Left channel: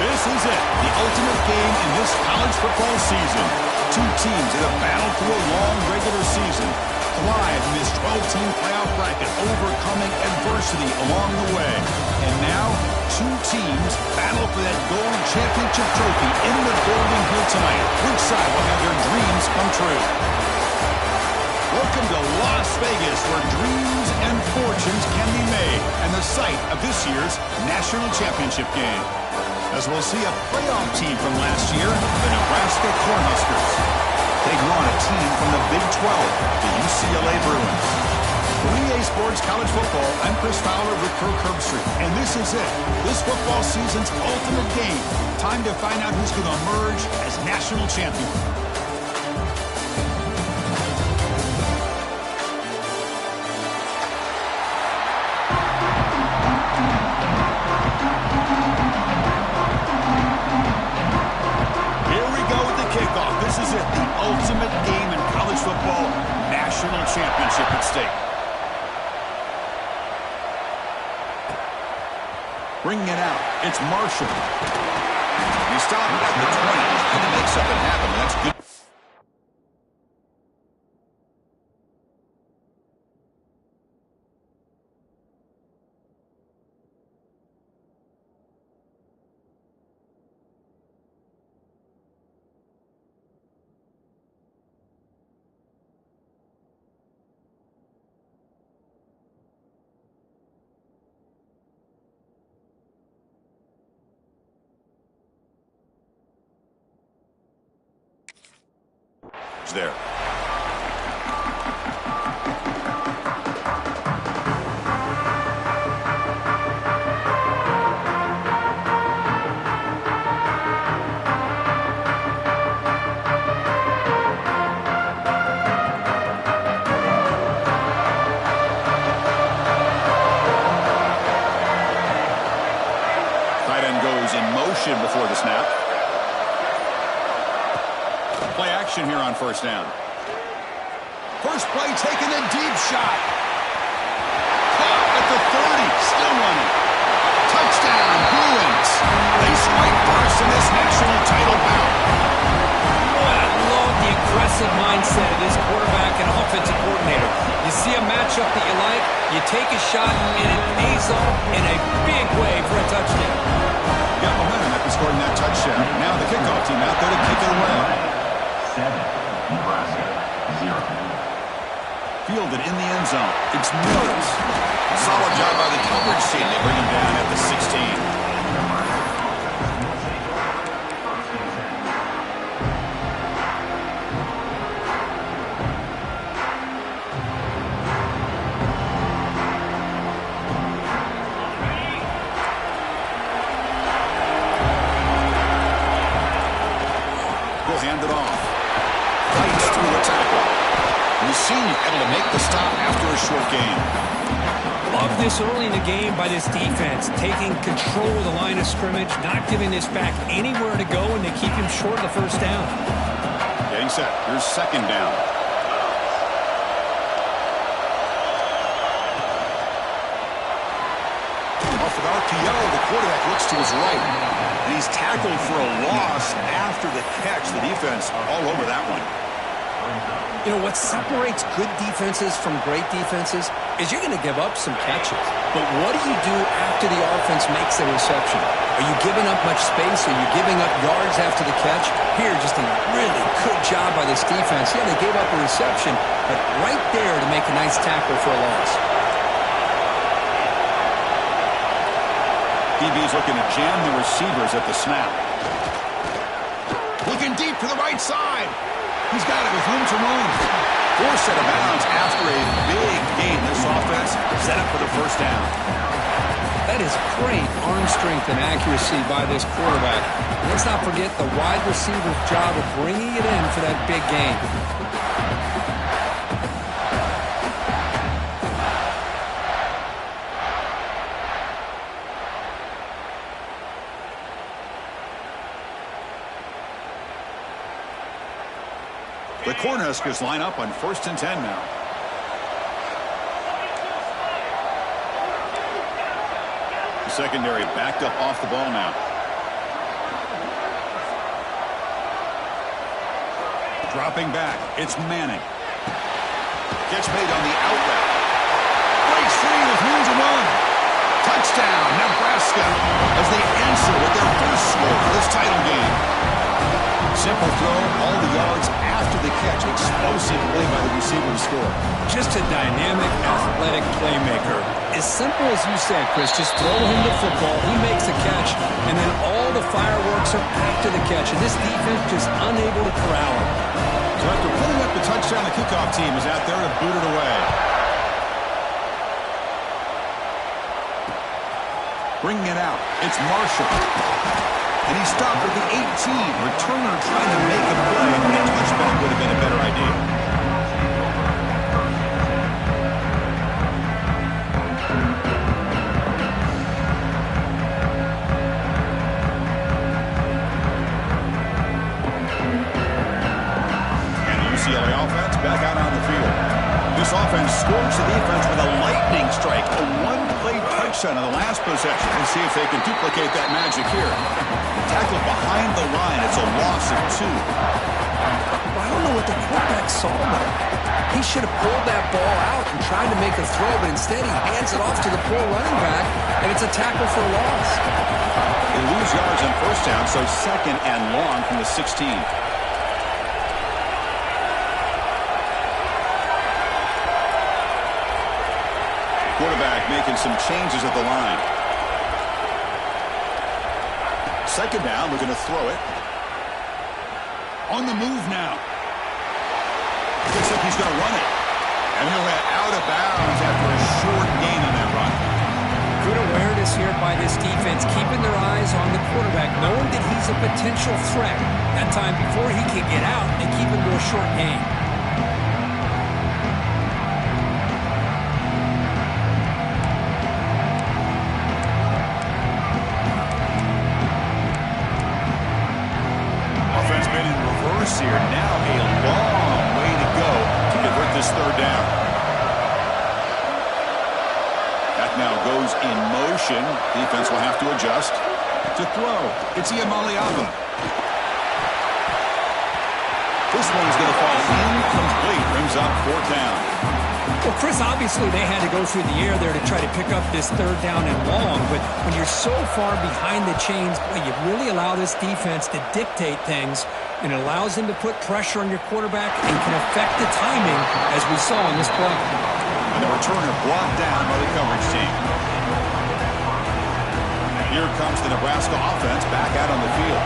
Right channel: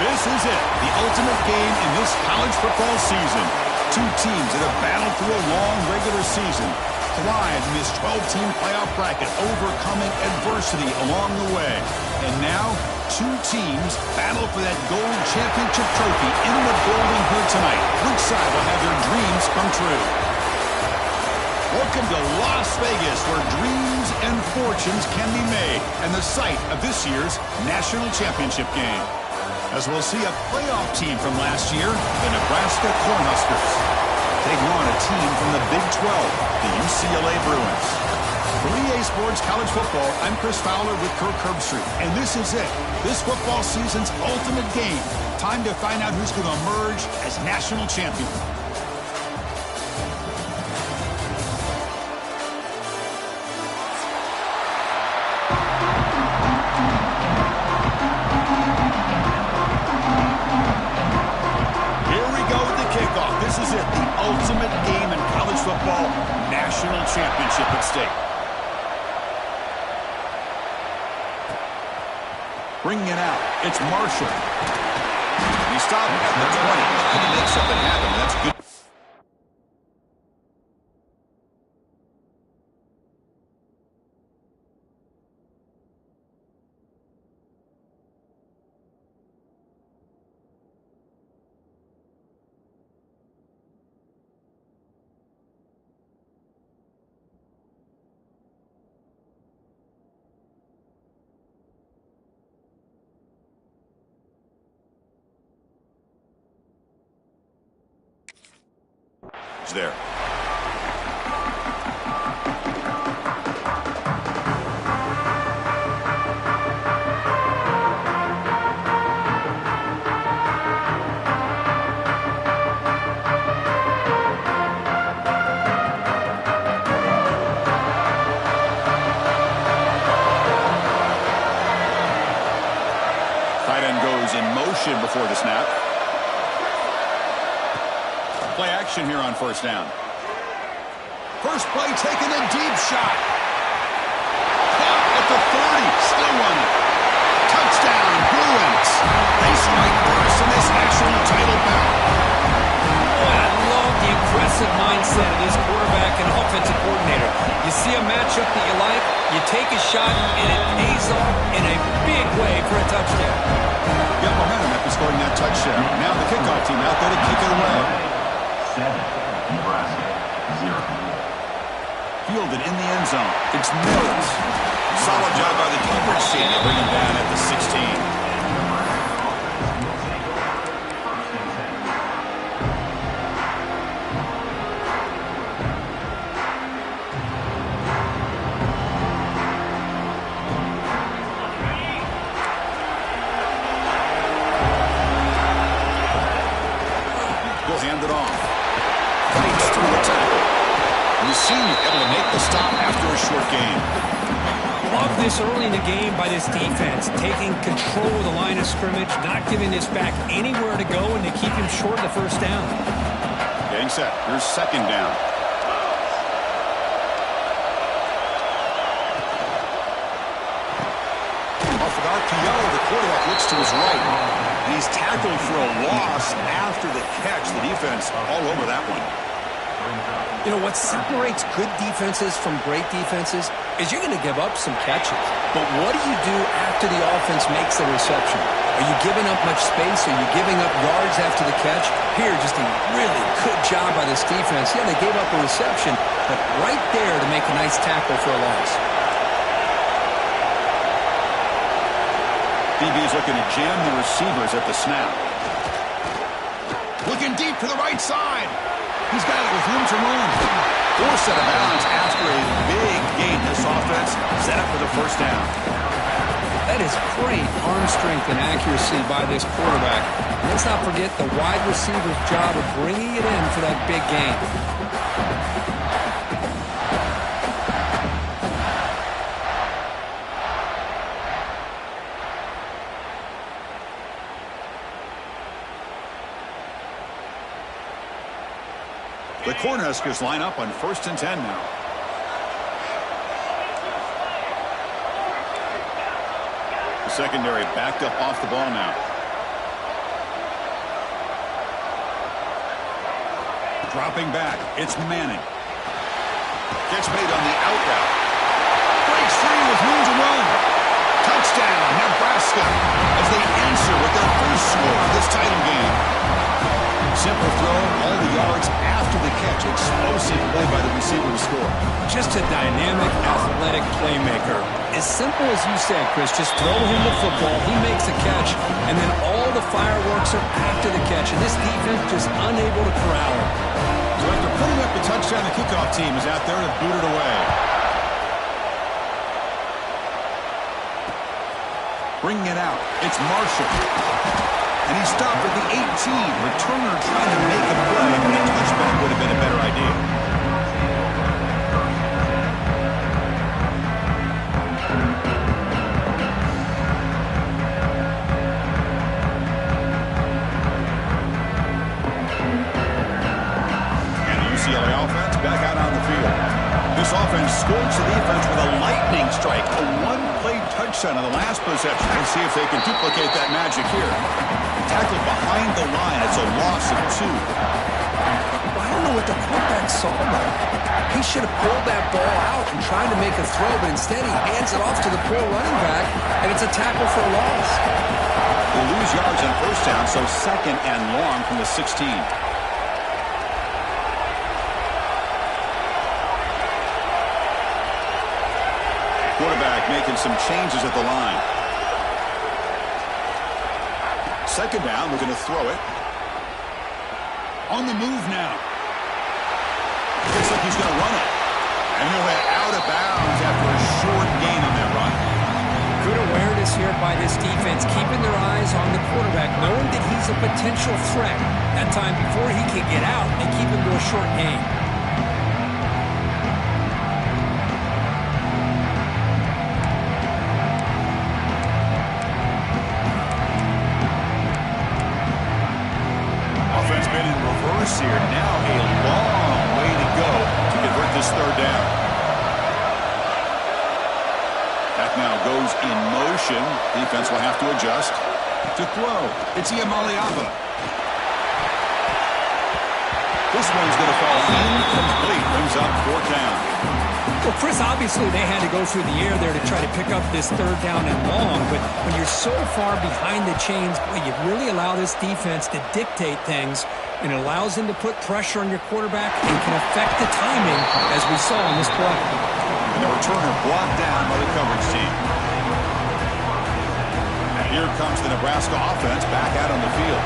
This is it, the ultimate game in this college football season. Two teams that have battled through a long regular season, thrived in this 12-team playoff bracket, overcoming adversity along the way. And now, two teams battle for that gold championship trophy in the building here tonight. Which side will have their dreams come true? Welcome to Las Vegas, where dreams and fortunes can be made, and the site of this year's national championship game. As we'll see a playoff team from last year, the Nebraska Cornhuskers, taking on a team from the Big 12, the UCLA Bruins. For EA Sports College Football, I'm Chris Fowler with Kirk Herbstreit, and this is it, this football season's ultimate game. Time to find out who's going to emerge as national champion. This is it, the ultimate game in college football, national championship at stake. Bringing it out, it's Marshall. And he stopped at the 20, trying to make something happen. That's good. There. Tight end goes in motion before the snap. Play action here on first down. First play taken, a deep shot. Caught at the 30, still running. Touchdown, Bruins. They strike first in this national title bout. Boy, I love the aggressive mindset of this quarterback and offensive coordinator. You see a matchup that you like, you take a shot, and it pays off in a big way for a touchdown. Got momentum after scoring that touchdown. Now the kickoff team out there to kick it away. 7, Nebraska, 0. Fielded in the end zone. It's Mills. Solid job by the coverage team. They bring him down at the 16. He'll hand it off. Fights through the tackle. The senior able to make the stop after a short gain. Love this early in the game by this defense, taking control of the line of scrimmage, not giving this back anywhere to go, and they keep him short of the first down. Getting set. Here's second down. Off with RPO, the quarterback looks to his right. And he's tackled for a loss after the catch. The defense all over that one. You know, what separates good defenses from great defenses is you're going to give up some catches. But what do you do after the offense makes the reception? Are you giving up much space? Are you giving up yards after the catch? Here, just a really good job by this defense. Yeah, they gave up a reception, but right there to make a nice tackle for a loss. DB is looking to jam the receivers at the snap. Looking deep to the right side. He's got it with room to run. Forced out of bounds after a big gain. This offense set up for the first down. That is great arm strength and accuracy by this quarterback. And let's not forget the wide receiver's job of bringing it in for that big gain. The Cornhuskers line up on 1st and 10 now. The secondary backed up off the ball now. Dropping back, it's Manning. Gets made on the out route. Breaks free with room to run. Touchdown, Nebraska, as they answer with their first score of this title game. Simple throw, all the yards after the catch. Explosive play by the receiver to score. Just a dynamic, athletic playmaker. As simple as you said, Chris, just throw him the football, he makes a catch, and then all the fireworks are after the catch, and this defense just unable to corral him. So after putting up the touchdown, the kickoff team is out there to boot it away. Bringing it out, it's Marshall. And he stopped at the 18. Returner trying to make a play, but a touchback would have been a better idea. And the UCLA offense back out on the field. This offense scores the defense with a lightning strike, a one-play touchdown on the last possession. Let's see if they can duplicate that magic here. Tackled behind the line. It's a loss of 2. I don't know what the quarterback saw there. He should have pulled that ball out and tried to make a throw, but instead he hands it off to the poor running back, and it's a tackle for a loss. They lose yards on first down, so second and long from the 16. Quarterback making some changes at the line. Second down, looking to throw it. On the move now. Looks like he's going to run it. And he'll head out of bounds after a short gain on that run. Good awareness here by this defense, keeping their eyes on the quarterback, knowing that he's a potential threat. That time before he can get out, they keep him to a short gain. Here. Now a long way to go to convert this third down. That now goes in motion. Defense will have to adjust. To throw, it's Iamaleava. This one's going to fall incomplete. Brings up fourth down. Well, Chris, obviously they had to go through the air there to try to pick up this third down and long, but when you're so far behind the chains, boy, you really allow this defense to dictate things, and it allows them to put pressure on your quarterback and can affect the timing, as we saw in this play. And the returner blocked down by the coverage team. Here comes the Nebraska offense back out on the field.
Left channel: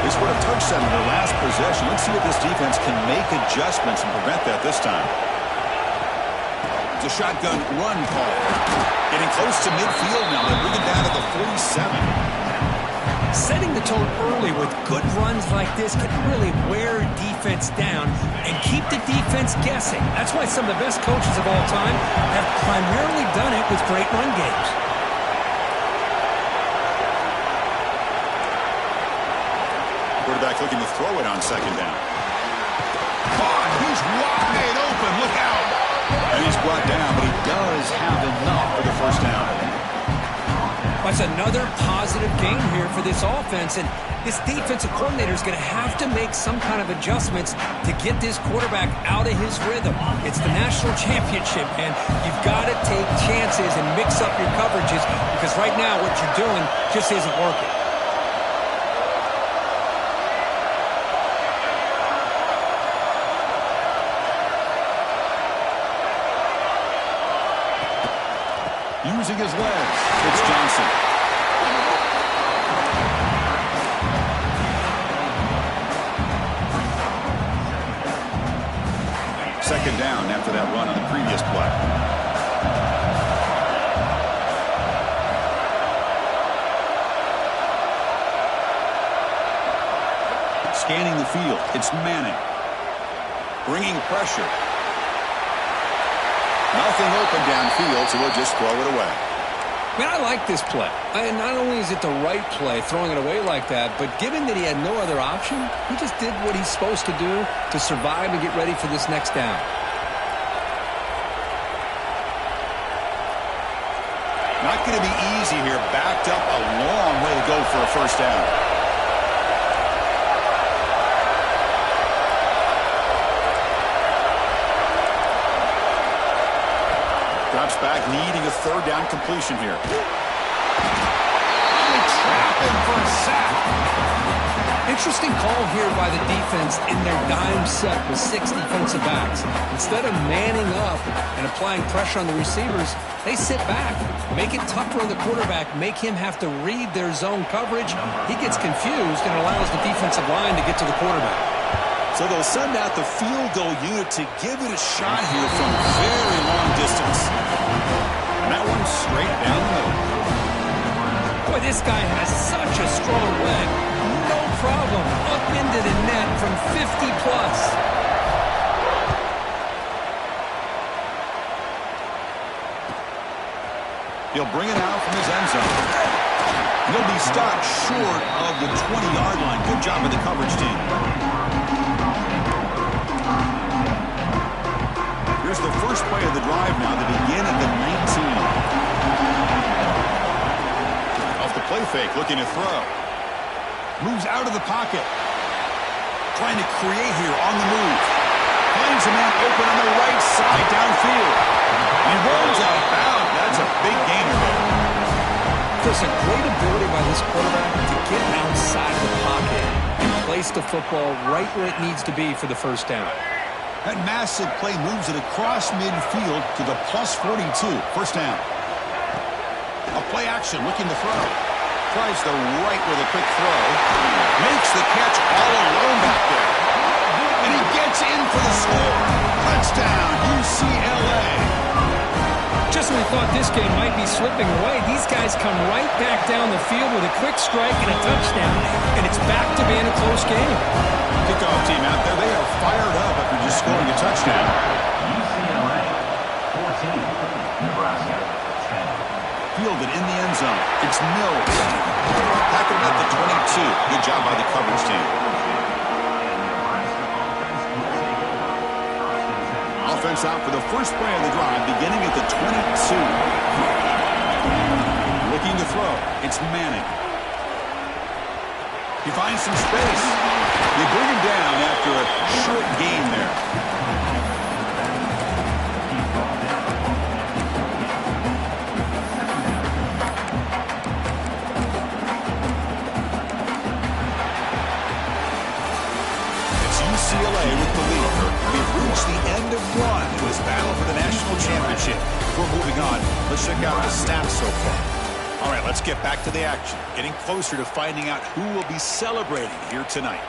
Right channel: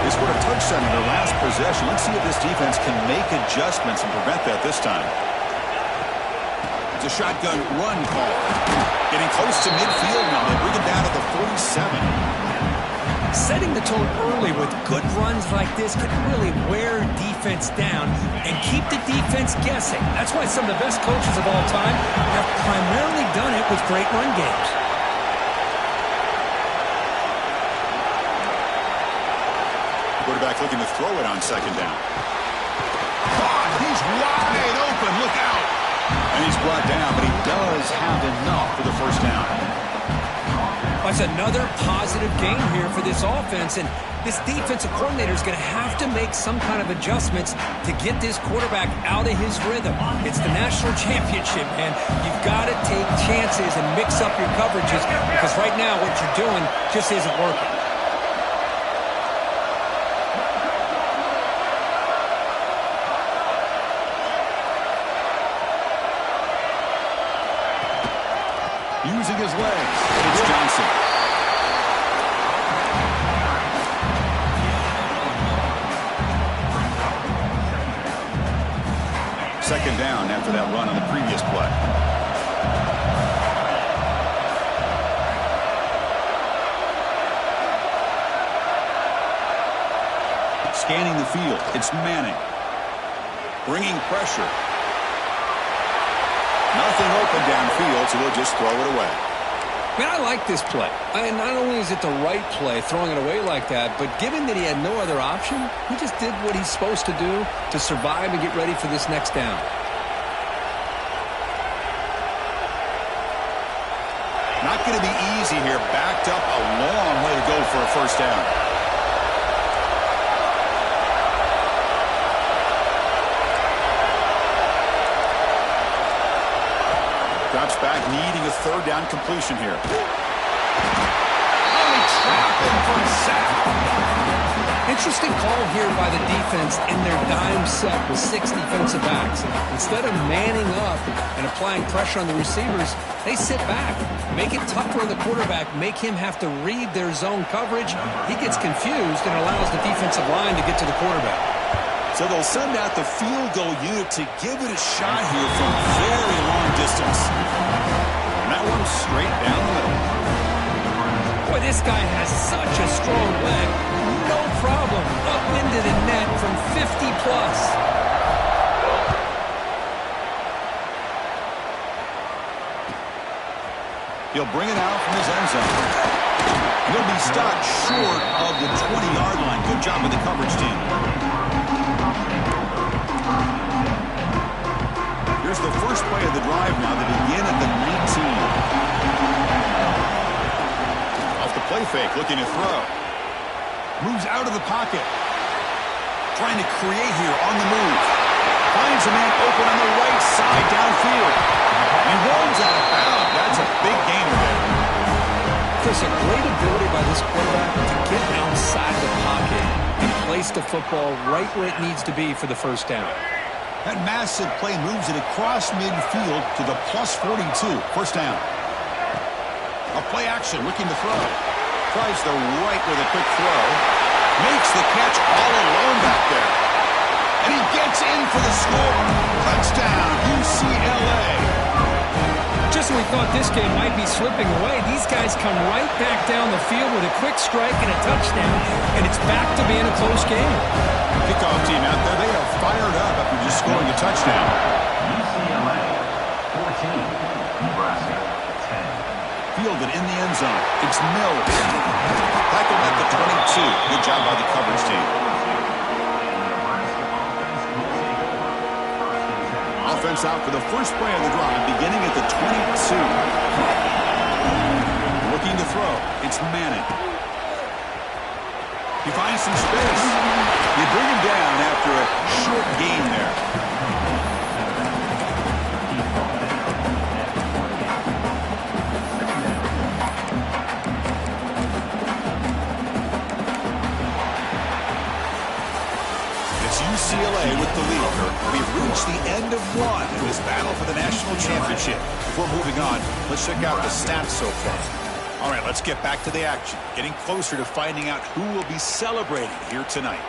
They scored a touchdown in their last possession. Let's see if this defense can make adjustments and prevent that this time. It's a shotgun run call. Getting close to midfield now. They bring it down to the 47. Setting the tone early with good runs like this can really wear defense down and keep the defense guessing. That's why some of the best coaches of all time have primarily done it with great run games. Quarterback looking to throw it on second down. Caught. He's wide open. Look out. And he's brought down, but he does have enough for the first down. That's another positive game here for this offense, and this defensive coordinator is going to have to make some kind of adjustments to get this quarterback out of his rhythm. It's the national championship, and you've got to take chances and mix up your coverages, because right now what you're doing just isn't working. Using his legs, it's Johnson. Second down after that run on the previous play. Scanning the field, it's Manning. Bringing pressure. Nothing open downfield, so we'll just throw it away. Man, I like this play. And not only is it the right play, throwing it away like that, but given that he had no other option, he just did what he's supposed to do to survive and get ready for this next down. Not going to be easy here. Backed up a long way to go for a first down. Drops back, needing a third down completion here. Oh, they trap him for a sack. Interesting call here by the defense in their dime set with 6 defensive backs. Instead of manning up and applying pressure on the receivers, they sit back, make it tougher on the quarterback, make him have to read their zone coverage. He gets confused and allows the defensive line to get to the quarterback. So they'll send out the field goal unit to give it a shot here from very long distance. And that one's straight down the middle. Boy, this guy has such a strong leg. No problem. Up into the net from 50+. He'll bring it out from his end zone. He'll be stopped short of the 20-yard line. Good job by the coverage team. Here's the first play of the drive now. They begin at the 19. Off the play fake, looking to throw. Moves out of the pocket. Trying to create here on the move. Finds a man open on the right side downfield. And he rolls out of bounds. That's a big gainer there. Chris, a great ability by this quarterback to get outside of the pocket and place the football right where it needs to be for the first down. That massive play moves it across midfield to the +42. First down. A play action, looking to throw. Tries the right with a quick throw. Makes the catch all alone back there. And he gets in for the score. Touchdown, UCLA. Just when we thought this game might be slipping away, these guys come right back down the field with a quick strike and a touchdown, and it's back to being a close game. Kickoff team out there, they are fired up after just scoring a touchdown. UCLA 14, Nebraska 10. Fielded in the end zone. It's Mills. Tackled at the 22. Good job by the coverage team. Offense out for the first play of the drive, beginning at the 22. Looking to throw. It's Manning. He finds some space. They bring him down after a short gain there. UCLA with the lead. We've reached the end of one in this battle for the national championship. Before moving on, let's check out the stats so far. All right, let's get back to the action. Getting closer to finding out who will be celebrating here tonight.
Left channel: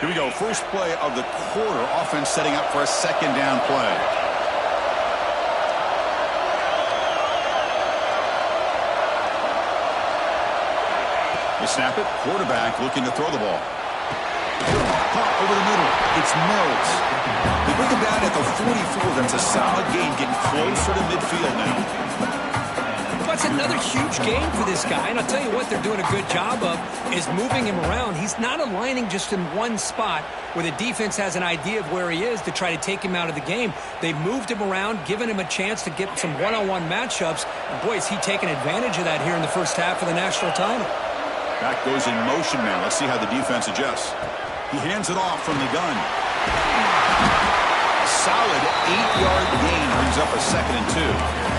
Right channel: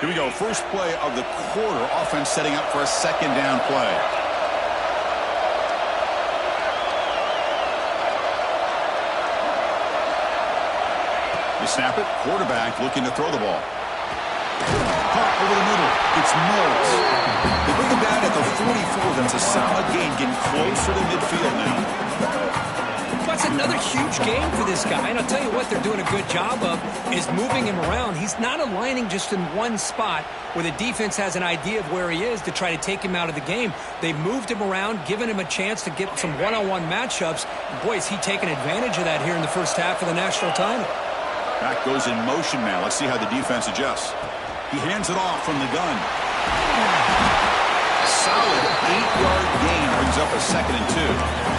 Here we go. First play of the quarter. Offense setting up for a second down play. They snap it. Quarterback looking to throw the ball. Caught over the middle. It's Mills. They bring him down at the 44. That's a solid gain, getting closer to midfield now. That's another huge game for this guy. And I'll tell you what they're doing a good job of is moving him around. He's not aligning just in one spot where the defense has an idea of where he is to try to take him out of the game. They've moved him around, given him a chance to get some one-on-one matchups. And boy, is he taking advantage of that here in the first half of the national title. Back goes in motion now. Let's see how the defense adjusts. He hands it off from the gun. A solid 8-yard gain brings up a 2nd and 2.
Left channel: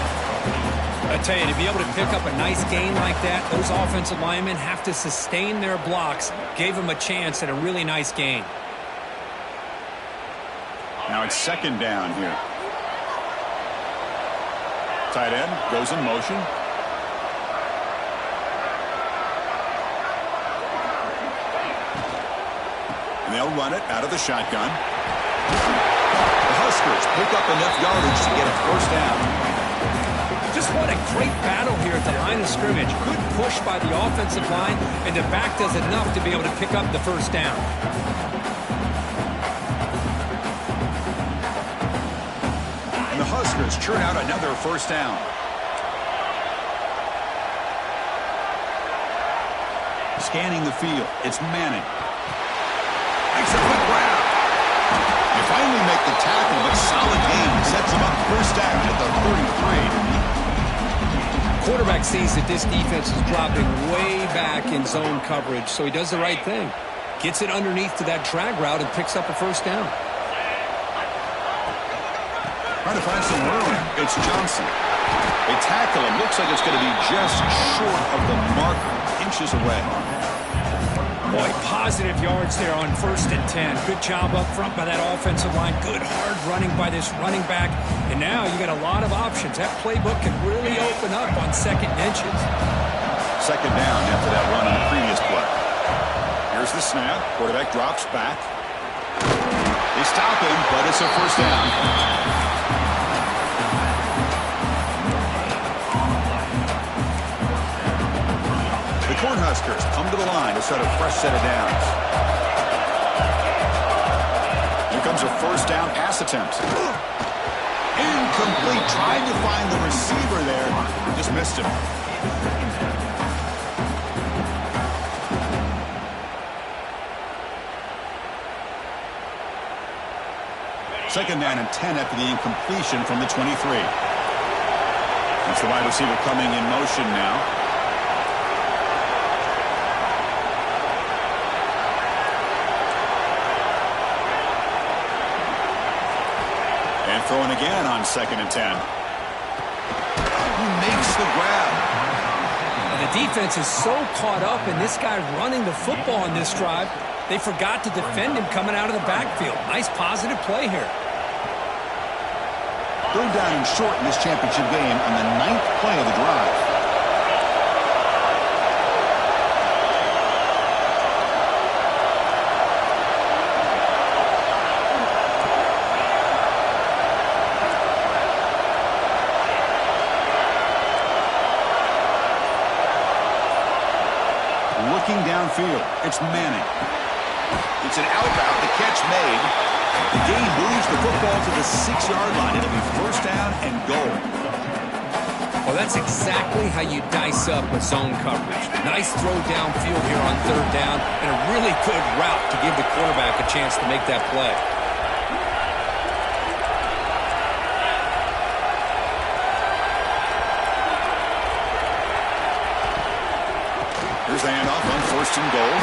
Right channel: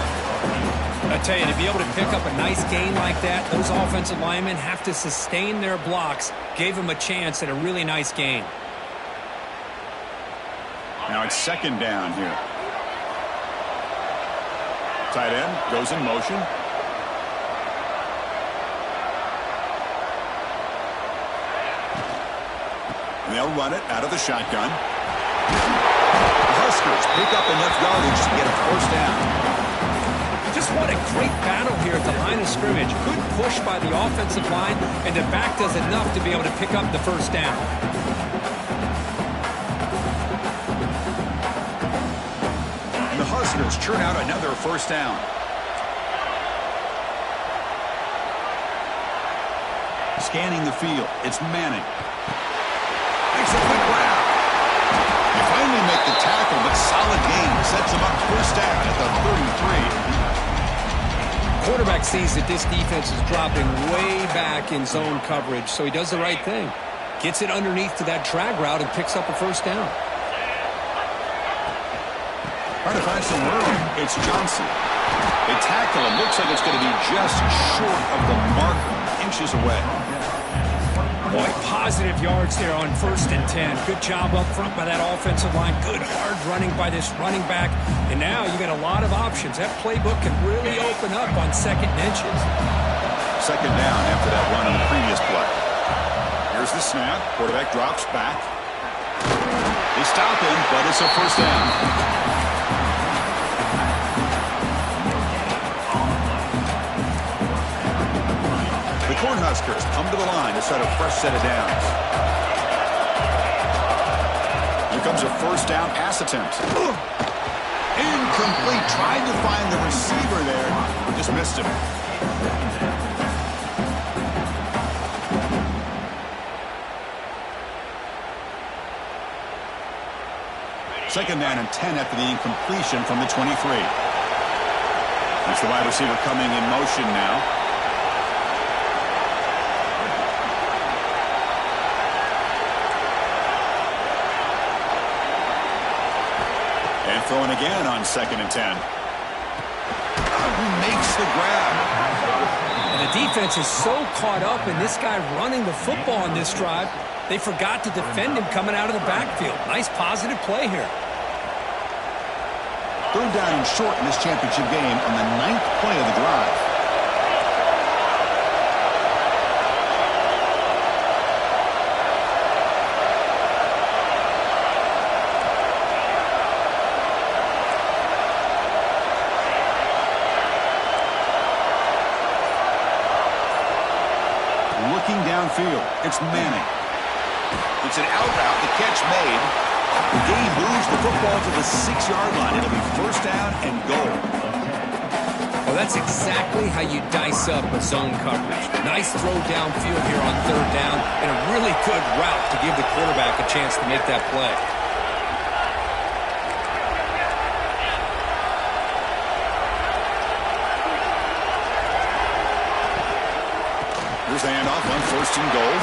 I tell you, to be able to pick up a nice gain like that, those offensive linemen have to sustain their blocks. Gave him a chance at a really nice gain. Now it's 2nd down here. Tight end goes in motion. And they'll run it out of the shotgun. The Huskers pick up enough yardage to get a first down. Just what a great battle here at the line of scrimmage. Good push by the offensive line, and the back does enough to be able to pick up the first down. And the Huskers churn out another first down. Scanning the field, it's Manning. Makes a quick grab. They finally make the tackle, but solid gain. Sets them up first down at the 33. Quarterback sees that this defense is dropping way back in zone coverage, so he does the right thing. Gets it underneath to that drag route and picks up a first down. Trying to find some room. It's Johnson. They tackle him. Looks like it's going to be just short of the marker. Inches away. Boy, positive yards there on 1st and 10. Good job up front by that offensive line. Good hard running by this running back. And now you got a lot of options. That playbook can really open up on 2nd and inches. 2nd down after that run on the previous play. Here's the snap. Quarterback drops back. They stop him, but it's a first down. The Cornhuskers come to the line to start a fresh set of downs. Here comes a first down pass attempt. Incomplete. Tried to find the receiver there. Just missed him. Second down and 10 after the incompletion from the 23. That's the wide receiver coming in motion now. And throwing again on 2nd and 10. Who makes the grab? And the defense is so caught up in this guy running the football on this drive, they forgot to defend him coming out of the backfield. Nice positive play here. 3rd down and short in this championship game on the 9th play of the drive. Looking downfield, it's Manning. It's an out route, the catch made. The game moves the football to the 6-yard line. It'll be first down and goal. Well, that's exactly how you dice up a zone coverage. Nice throw downfield here on 3rd down, and a really good route to give the quarterback a chance to make that play. Here's the handoff on 1st and goal.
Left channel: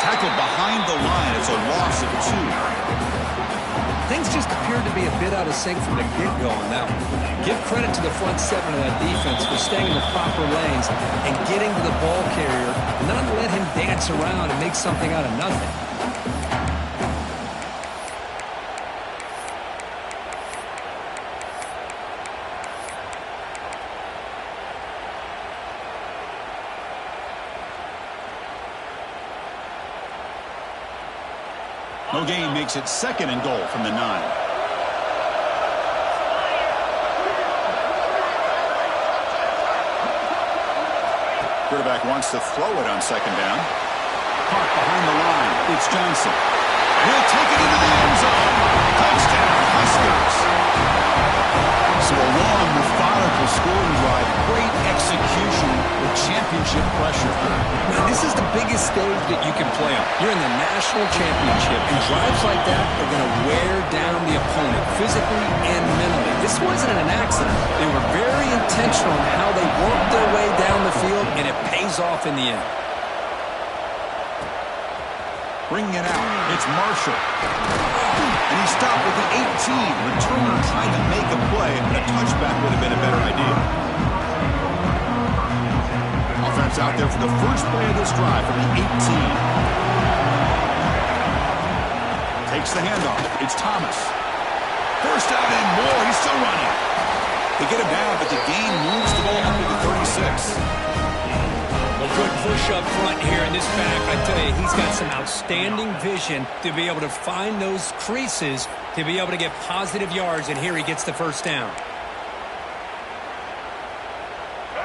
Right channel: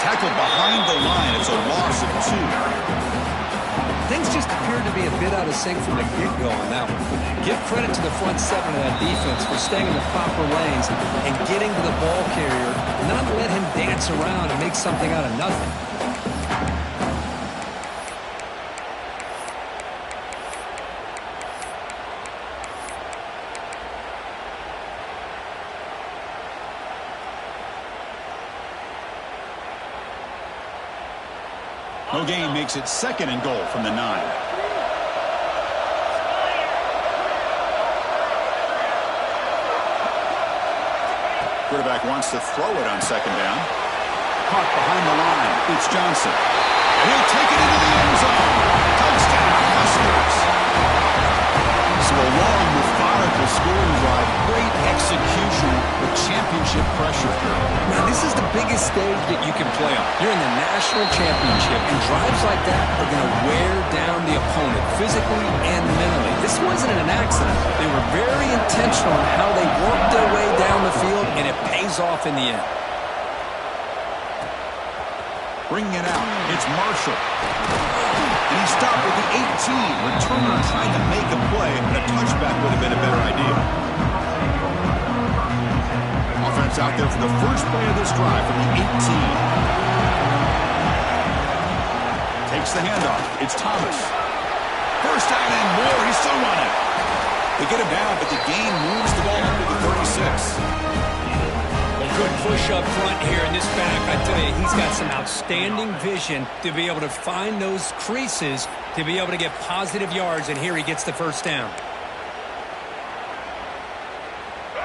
Tackled behind the line. It's a loss of 2. Things just appeared to be a bit out of sync from the get-go on that one. Give credit to the front 7 of that defense for staying in the proper lanes and getting to the ball carrier, not let him dance around and make something out of nothing. No gain makes it 2nd and goal from the 9. Quarterback wants to throw it on 2nd down. Caught behind the line. It's Johnson. And he'll take it into the end zone. Touchdown, Huskers. So a long, methodical scoring drive. Great execution with championship pressure. Now, this is the biggest stage that you can play on. You're in the national championship, and drives like that are going to wear down the opponent physically and mentally. This wasn't an accident. They were very intentional in how they worked their way down the field, and it pays off in the end. Bringing it out, it's Marshall. And he stopped with the 18. Returner trying to make a play, but a touchback would have been a better idea. Offense out there for the first play of this drive from the 18. Takes the handoff. It's Thomas. First down and more. He's still running. They get him down, but the gain moves the ball up to the 36. Well, good push up front here in this back. I tell you, he's got some outstanding vision to be able to find those creases to be able to get positive yards, and here he gets the first down.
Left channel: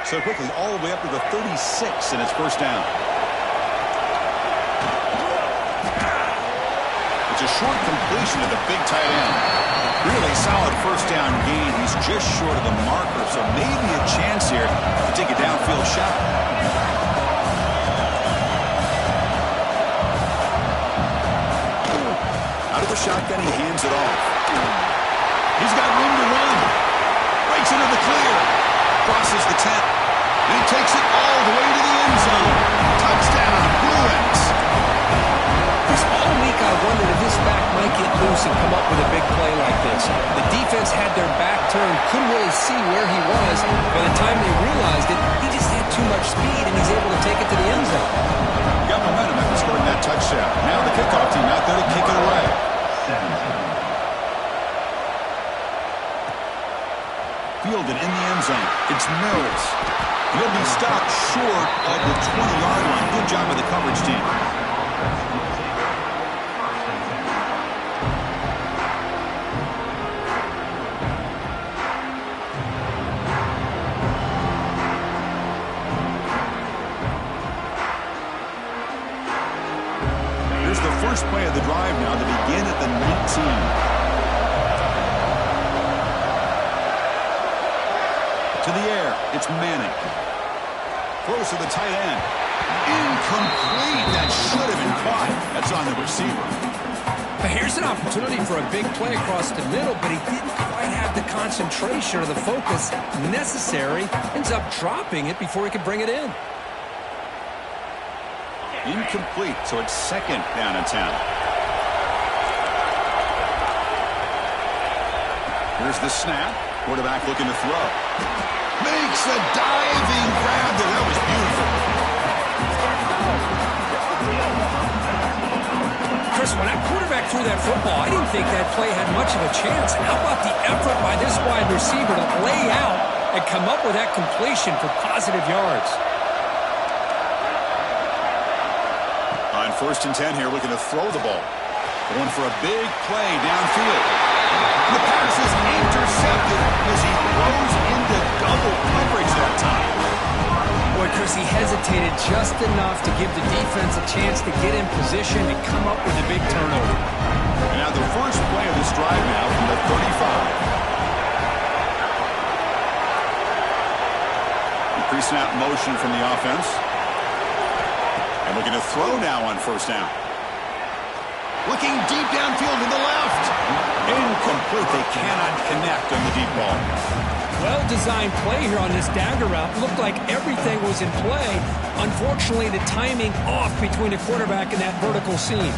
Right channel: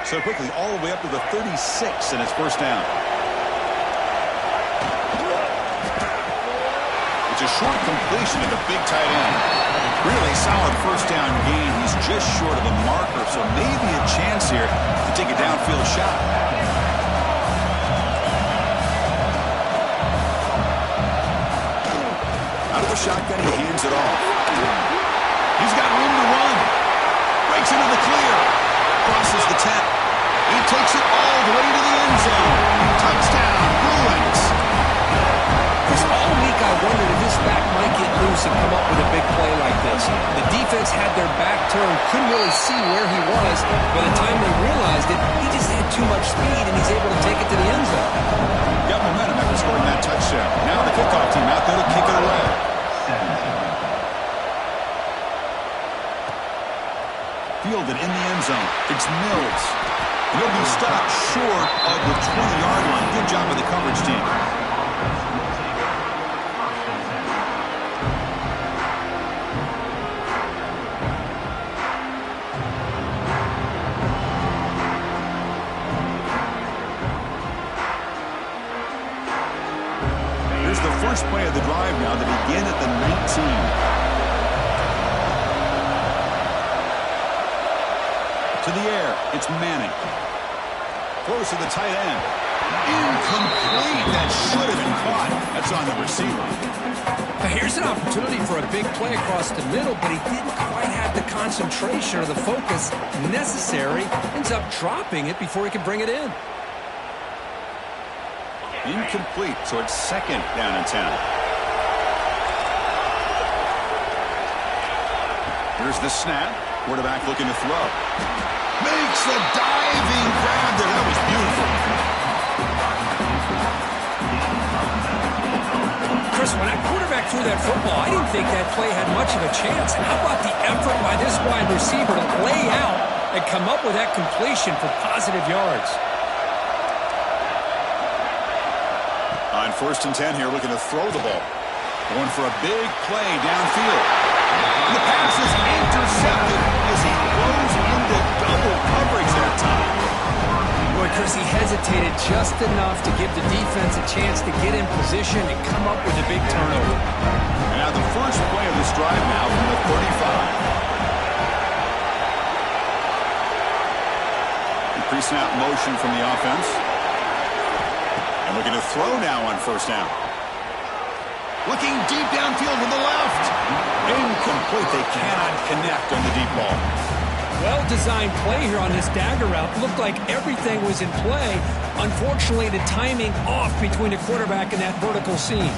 So quickly, all the way up to the 36, and it's first down. It's a short completion to the big tight end. Really solid first down gain. He's just short of the marker, so maybe a chance here to take a downfield shot. Out of the shotgun, he hands it off. He's got room to run. Breaks into the clear. Crosses the 10. He takes it all the way to the end zone. Touchdown, Bruins. I wondered if this back might get loose and come up with a big play like this. The defense had their back turned, couldn't really see where he was. By the time they realized it, he just had too much speed, and he's able to take it to the end zone. Got momentum after scoring that touchdown. Now the kickoff team out there to kick it away. 17. Fielded in the end zone. It's Mills. He'll be stopped short of the 20-yard line. Good job by the coverage team. Here's the first play of the drive now to begin at the 19. To the air, it's Manning. Throws to the tight end. Incomplete. That should have been caught. That's on the receiver. Now here's an opportunity for a big play across the middle, but he didn't quite have the concentration or the focus necessary. Ends up dropping it before he could bring it in. Incomplete, so it's second down and 10. Here's the snap. Quarterback looking to throw. Makes a diving grab there. That was beautiful. Chris, when that quarterback threw that football, I didn't think that play had much of a chance. How about the effort by this wide receiver to lay out and come up with that completion for positive yards? On 1st and 10 here, looking to throw the ball. Going for a big play downfield. The pass is intercepted as he throws into double coverage that time. Boy, Chris, he hesitated just enough to give the defense a chance to get in position and come up with a big turnover. And now the first play of this drive now from the 35. Pre-snap motion from the offense. And looking to throw now on 1st down. Looking deep downfield to the left. Incomplete. They cannot connect on the deep ball. Well-designed play here on this dagger route. Looked like everything was in play. Unfortunately, the timing off between the quarterback and that vertical seam.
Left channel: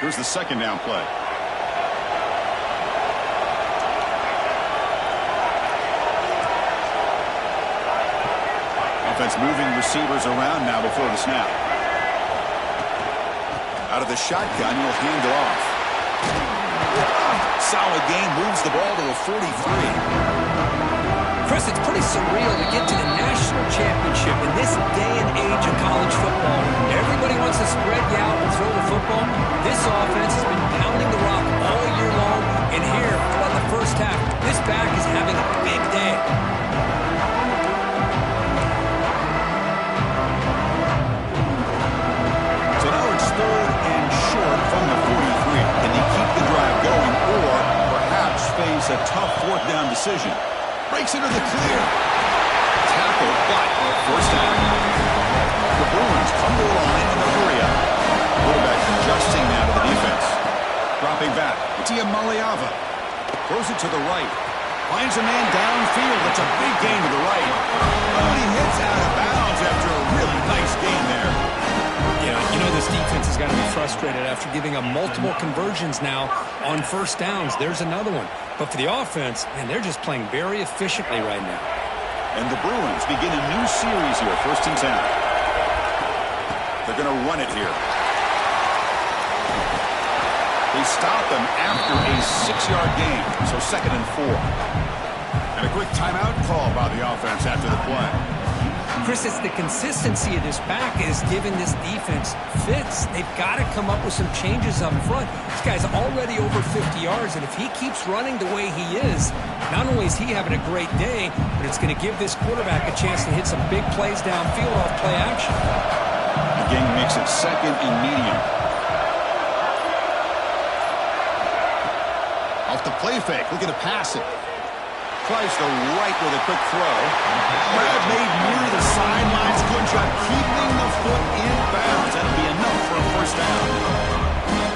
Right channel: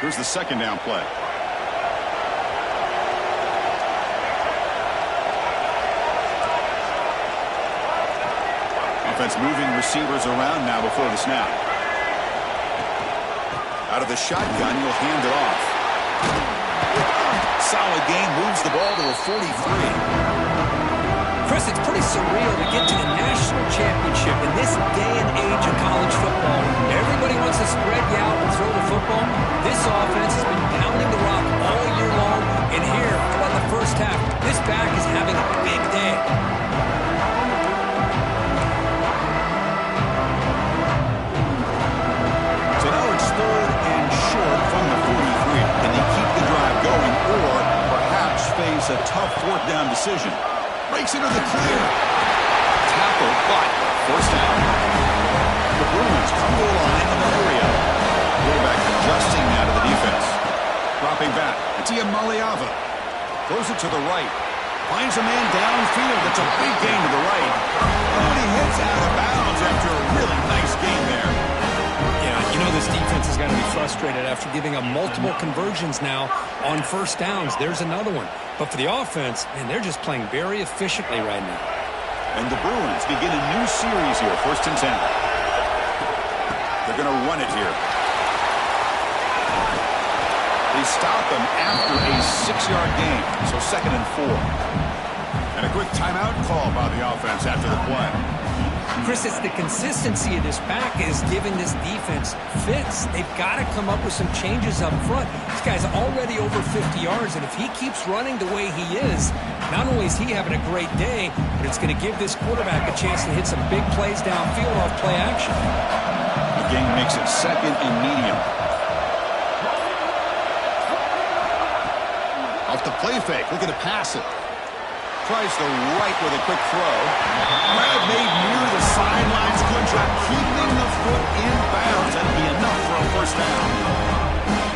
Here's the 2nd down play. Offense moving receivers around now before the snap. Out of the shotgun, he'll hand it off. Solid gain, moves the ball to the 43. Chris, it's pretty surreal to get to the national championship in this day and age of college football. Everybody wants to spread you out and throw the football. This offense has been pounding the rock all year long. And here, throughout the first half, this back is having a big day. So now it's 3rd and short from the 43. Can they keep the drive going or perhaps face a tough 4th down decision? Breaks into the clear. Tackle, but 1st down. The Bruins come to the line in the hurry up. Quarterback adjusting now to the defense. Dropping back. It's Iamaleava. Throws it to the right. Finds a man downfield. It's a big gain to the right. Oh, and he hits out of bounds after a really nice gain there. Yeah, you know this defense has got to be frustrated after giving up multiple conversions now on 1st downs. There's another one. But for the offense, man, they're just playing very efficiently right now. And the Bruins begin a new series here, 1st and 10. They're going to run it here. They stop him after a 6-yard gain, so 2nd and 4. And a quick timeout call by the offense after the play. Chris, it's the consistency of this back is giving this defense fits. They've got to come up with some changes up front. This guy's already over 50 yards, and if he keeps running the way he is, not only is he having a great day, but it's going to give this quarterback a chance to hit some big plays downfield off play action. The game makes it 2nd and medium. Off the play fake, looking to pass it. Tries to right with a quick throw. Grab made near the sidelines. Good job keeping the foot in bounds. That'll be enough for a 1st down.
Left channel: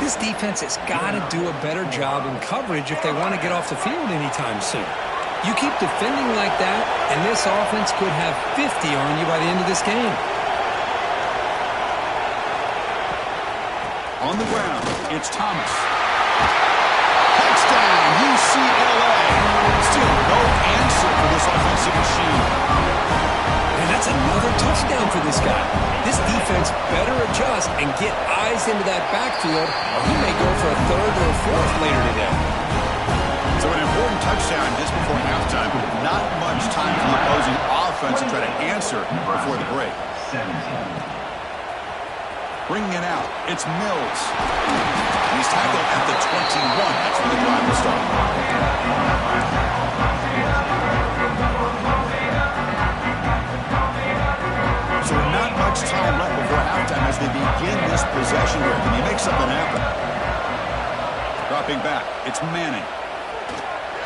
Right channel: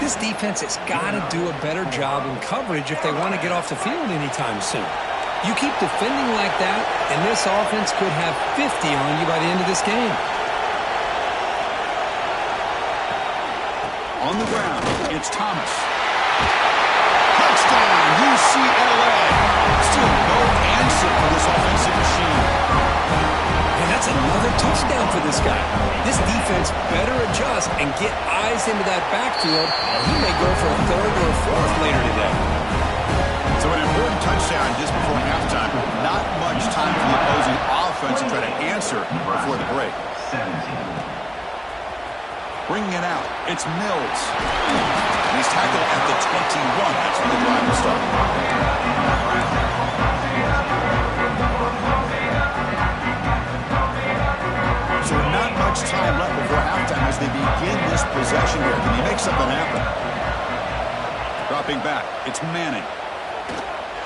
This defense has got to do a better job in coverage if they want to get off the field anytime soon. You keep defending like that, and this offense could have 50 on you by the end of this game. On the ground, it's Thomas. Touchdown, UCLA. Still no answer for this offensive machine. And that's another touchdown for this guy. This defense better adjust and get eyes into that backfield, or he may go for a third or a fourth later today. So an important touchdown just before halftime. Not much time for the opposing offense to try to answer before the break. 17. Bringing it out, it's Mills. And he's tackled at the 21. That's where the drive will start. So not much time left before halftime as they begin this possession here. Can he make something happen? Dropping back, it's Manning.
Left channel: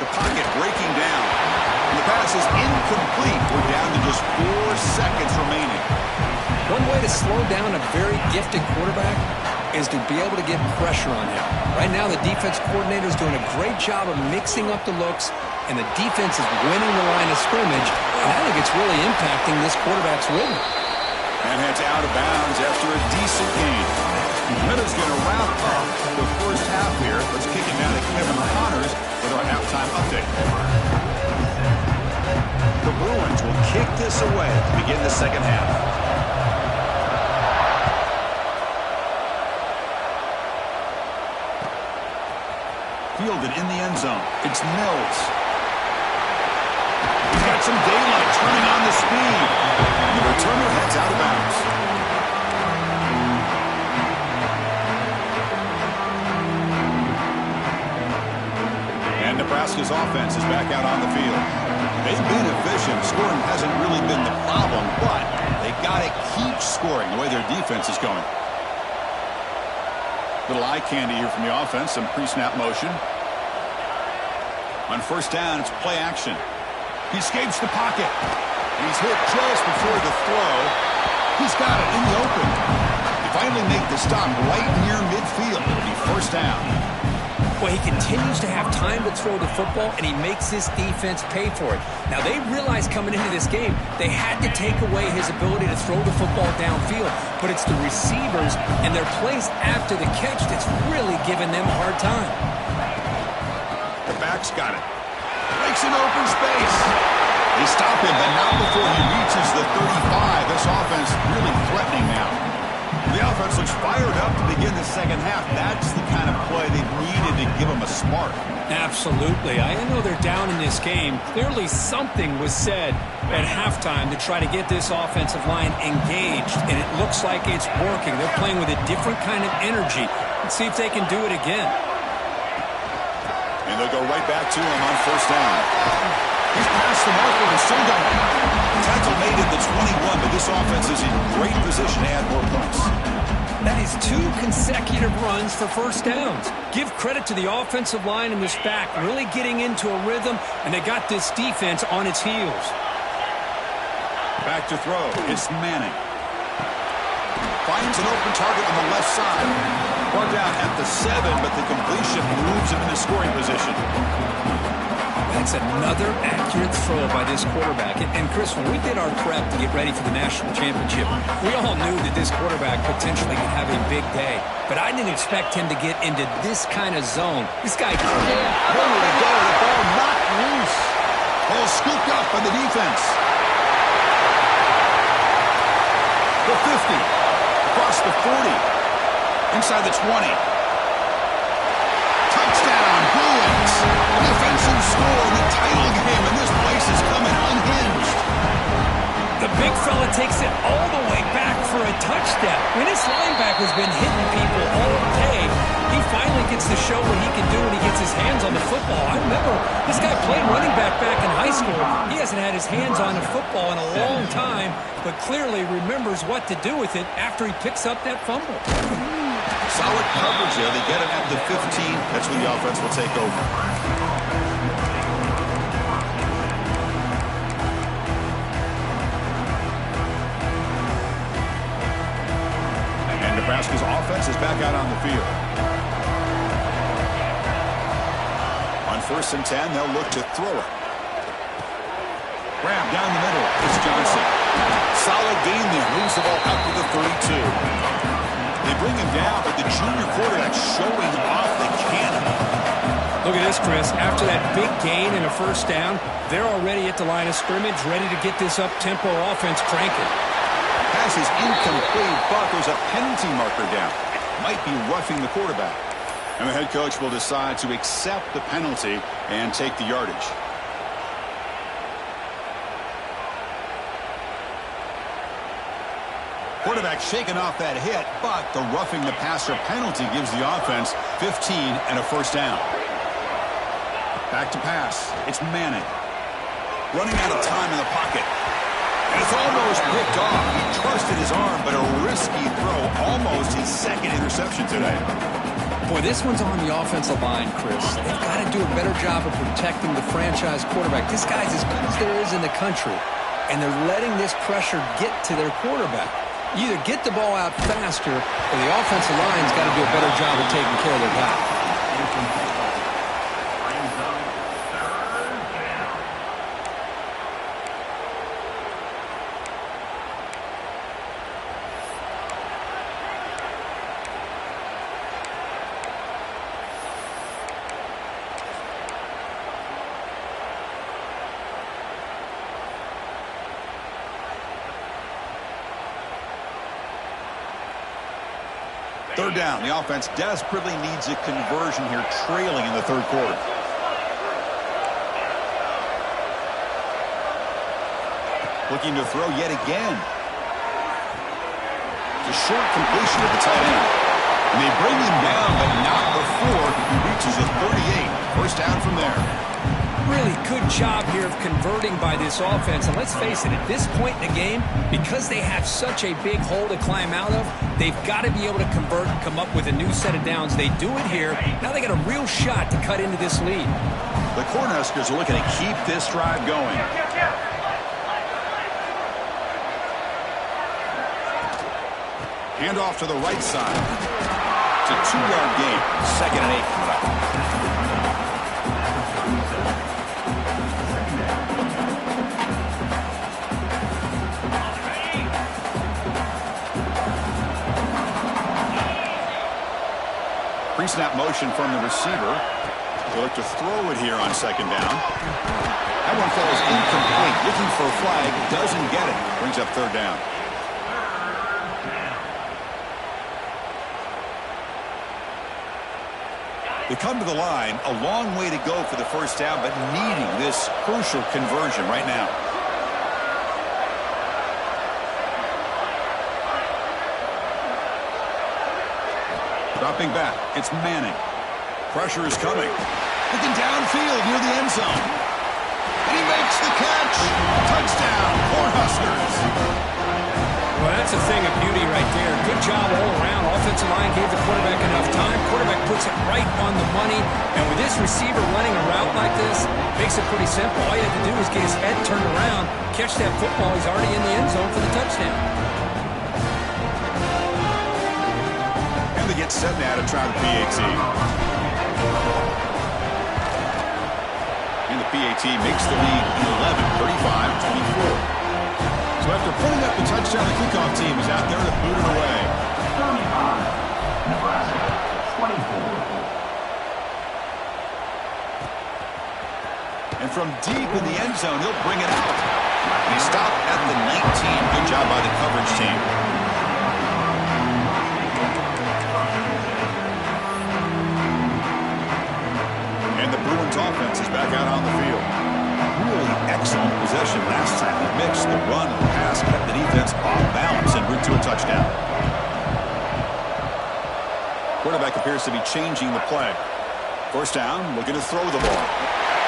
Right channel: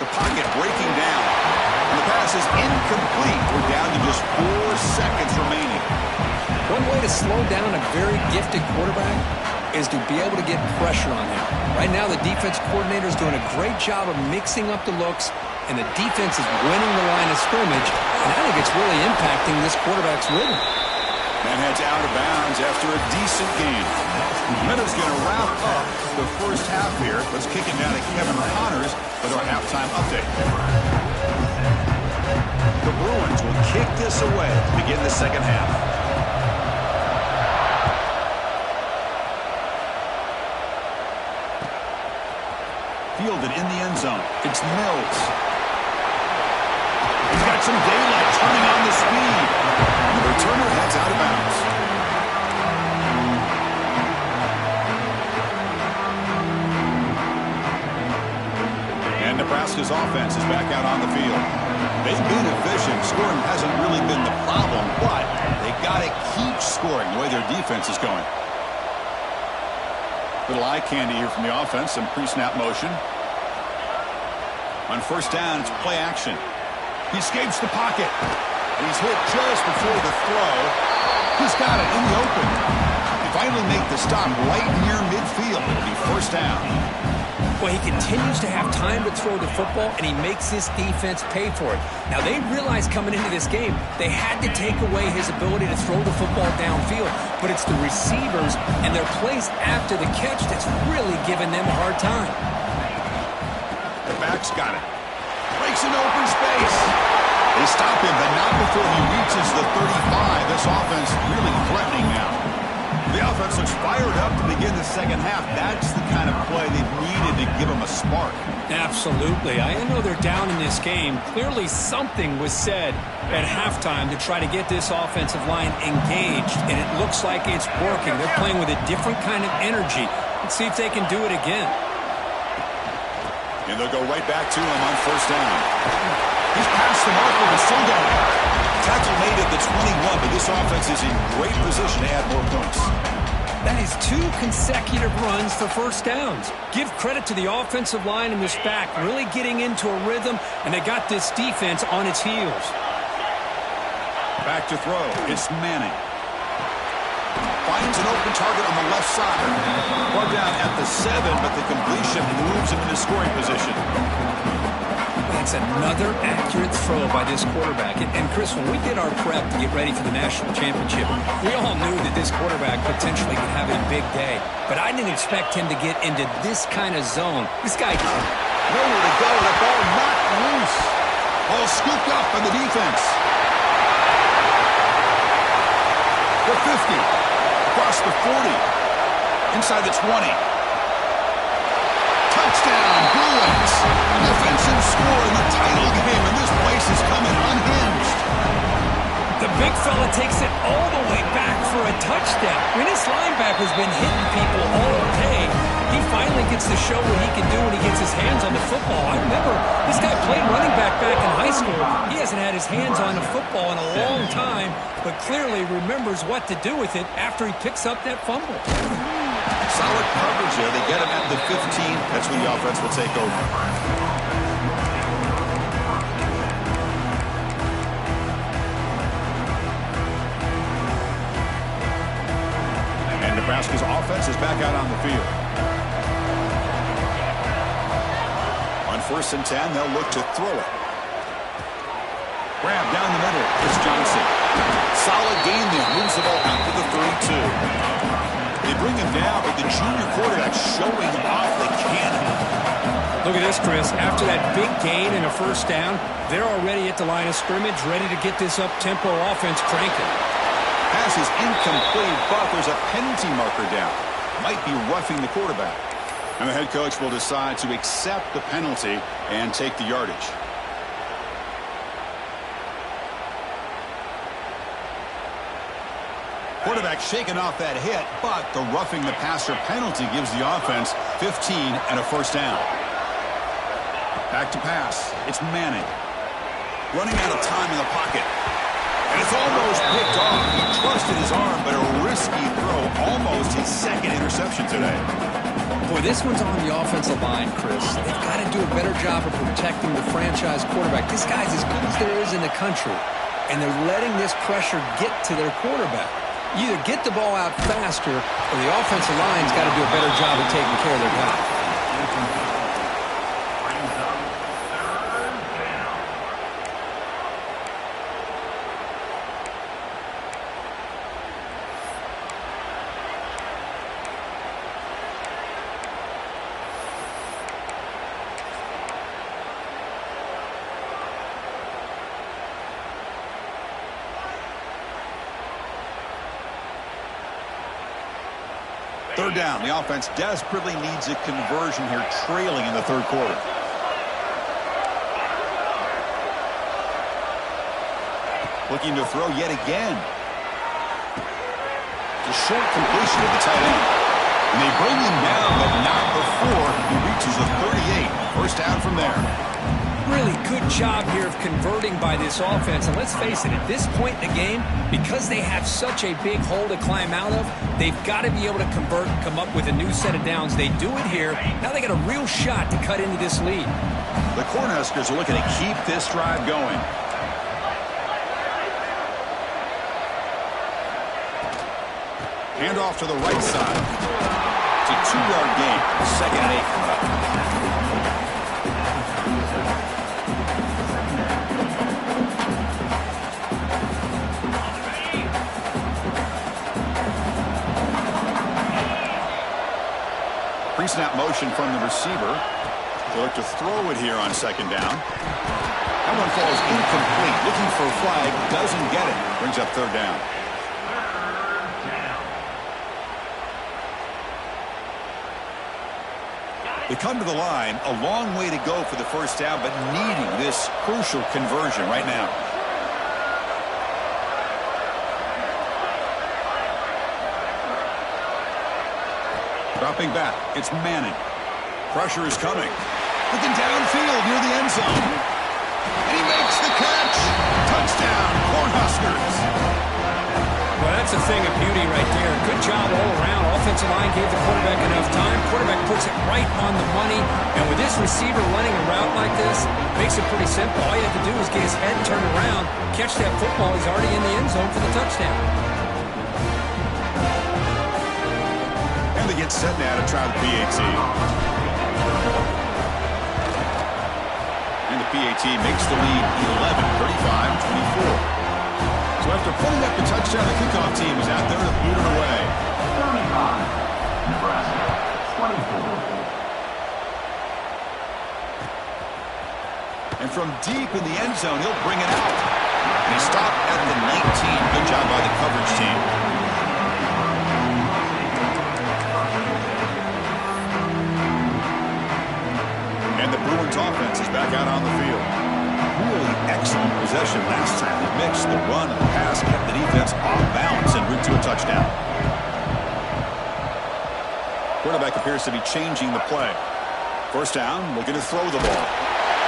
The pocket breaking down. And the pass is incomplete. We're down to just 4 seconds remaining. One way to slow down a very gifted quarterback is to be able to get pressure on him. Right now, the defense coordinator is doing a great job of mixing up the looks, and the defense is winning the line of scrimmage, and I think it's really impacting this quarterback's rhythm. And heads out of bounds after a decent game. Minutes going to wrap up the first half here. Let's kick it now to Kevin Connors with our halftime update. The Bruins will kick this away to begin the second half. Fielded in the end zone. It's Mills. He's got some daylight turning on the speed. And the returner heads out of bounds. And Nebraska's offense is back out on the field. They've been efficient. Scoring hasn't really been the problem, but they got to keep scoring the way their defense is going. Little eye candy here from the offense. Some pre-snap motion. On first down, it's play action. He escapes the pocket. And he's hit just before the throw. He's got it in the open. They finally make the stop right near midfield. It'll be first down. Well, he continues to have time to throw the football, and he makes this defense pay for it. Now, they realized coming into this game they had to take away his ability to throw the football downfield, but it's the receivers and their plays after the catch that's really giving them a hard time. The back's got it. Breaks an open space. They stop him, but not before he reaches the 35. This offense really threatening now. The offense looks fired up to begin the second half. That's the kind of play they've needed to give them a spark. Absolutely. I know they're down in this game. Clearly something was said at halftime to try to get this offensive line engaged, and it looks like it's working. They're playing with a different kind of energy. Let's see if they can do it again. And they'll go right back to him on first down. He's past the marker and still going. Tackle made at the 21, but this offense is in great position to add more points. That is 2 consecutive runs for first downs. Give credit to the offensive line and this back really getting into a rhythm, and they got this defense on its heels. Back to throw. It's Manning. Finds an open target on the left side. Brought down at the 7, but the completion moves him into scoring position. That's another accurate throw by this quarterback. And Chris, when we did our prep to get ready for the national championship, we all knew that this quarterback potentially could have a big day. But I didn't expect him to get into this kind of zone. This guy nowhere to go. The ball knocked loose. Ball scooped up by the defense. The 50. Across the 40. Inside the 20. Touchdown, Bruins. An offensive score in the title game, and this place is coming unhinged. The big fella takes it all the way back for a touchdown. When this linebacker's been hitting people all day, he finally gets to show what he can do when he gets his hands on the football. I remember this guy played running back in high school. He hasn't had his hands on a football in a long time, but clearly remembers what to do with it after he picks up that fumble. Solid coverage there. They get him at the 15. That's when the offense will take over. And Nebraska's offense is back out on the field. On 1st and 10, they'll look to throw it. Grab down the middle. It's Johnson. Solid gain there. Moves the ball out to the 32. They bring him down, but the junior quarterback showing off the cannon. Look at this, Chris. After that big gain and a 1st down, they're already at the line of scrimmage, ready to get this up-tempo offense cranking. Pass is incomplete, but there's a penalty marker down. Might be roughing the quarterback. And the head coach will decide to accept the penalty and take the yardage. Quarterback shaking off that hit, but the roughing the passer penalty gives the offense 15 and a 1st down. Back to pass. It's Manning. Running out of time in the pocket. And it's almost picked off. He trusted his arm, but a risky throw. Almost his 2nd interception today. Boy, this one's on the offensive line, Chris. They've got to do a better job of protecting the franchise quarterback. This guy's as good as there is in the country, and they're letting this pressure get to their quarterback. You either get the ball out faster, or the offensive line's got to do a better job of taking care of their guy. Third down. The offense desperately needs a conversion here, trailing in the 3rd quarter. Looking to throw yet again. The short completion of the tight end. And they bring him down, but not before he reaches a 38. 1st down from there. Really good job here of converting by this offense. And let's face it, at this point in the game, because they have such a big hole to climb out of, they've got to be able to convert and come up with a new set of downs. They do it here. Now they got a real shot to cut into this lead. The Cornhuskers are looking to keep this drive going. Hand off to the right side. It's a 2-yard gain. 2nd and 8 coming up. Pre-snap motion from the receiver. They look to throw it here on 2nd down. That one falls incomplete. Looking for a flag. Doesn't get it. Brings up 3rd down. They come to the line. A long way to go for the 1st down, but needing this crucial conversion right now. Dropping back, it's Manning. Pressure is coming. Looking downfield near the end zone. And he makes the catch. Touchdown, Cornhuskers. Well, that's a thing of beauty right there. Good job all around. Offensive line gave the quarterback enough time. Quarterback puts it right on the money. And with this receiver running a route like this, makes it pretty simple. All you have to do is get his head turned around, catch that football. He's already in the end zone for the touchdown. And they get set now to try the PAT. And the PAT makes the lead 11, 35-24. So after putting up the touchdown, the kickoff team is out there to boot it away. 35, Nebraska, 24. And from deep in the end zone, he'll bring it out. And he stopped at the 19. Good job by the coverage team. And the Bruins offense is back out on the field. Really excellent possession last time. They mixed the run and the pass, kept the defense off balance en route to a touchdown. Quarterback appears to be changing the play. 1st down, looking to throw the ball.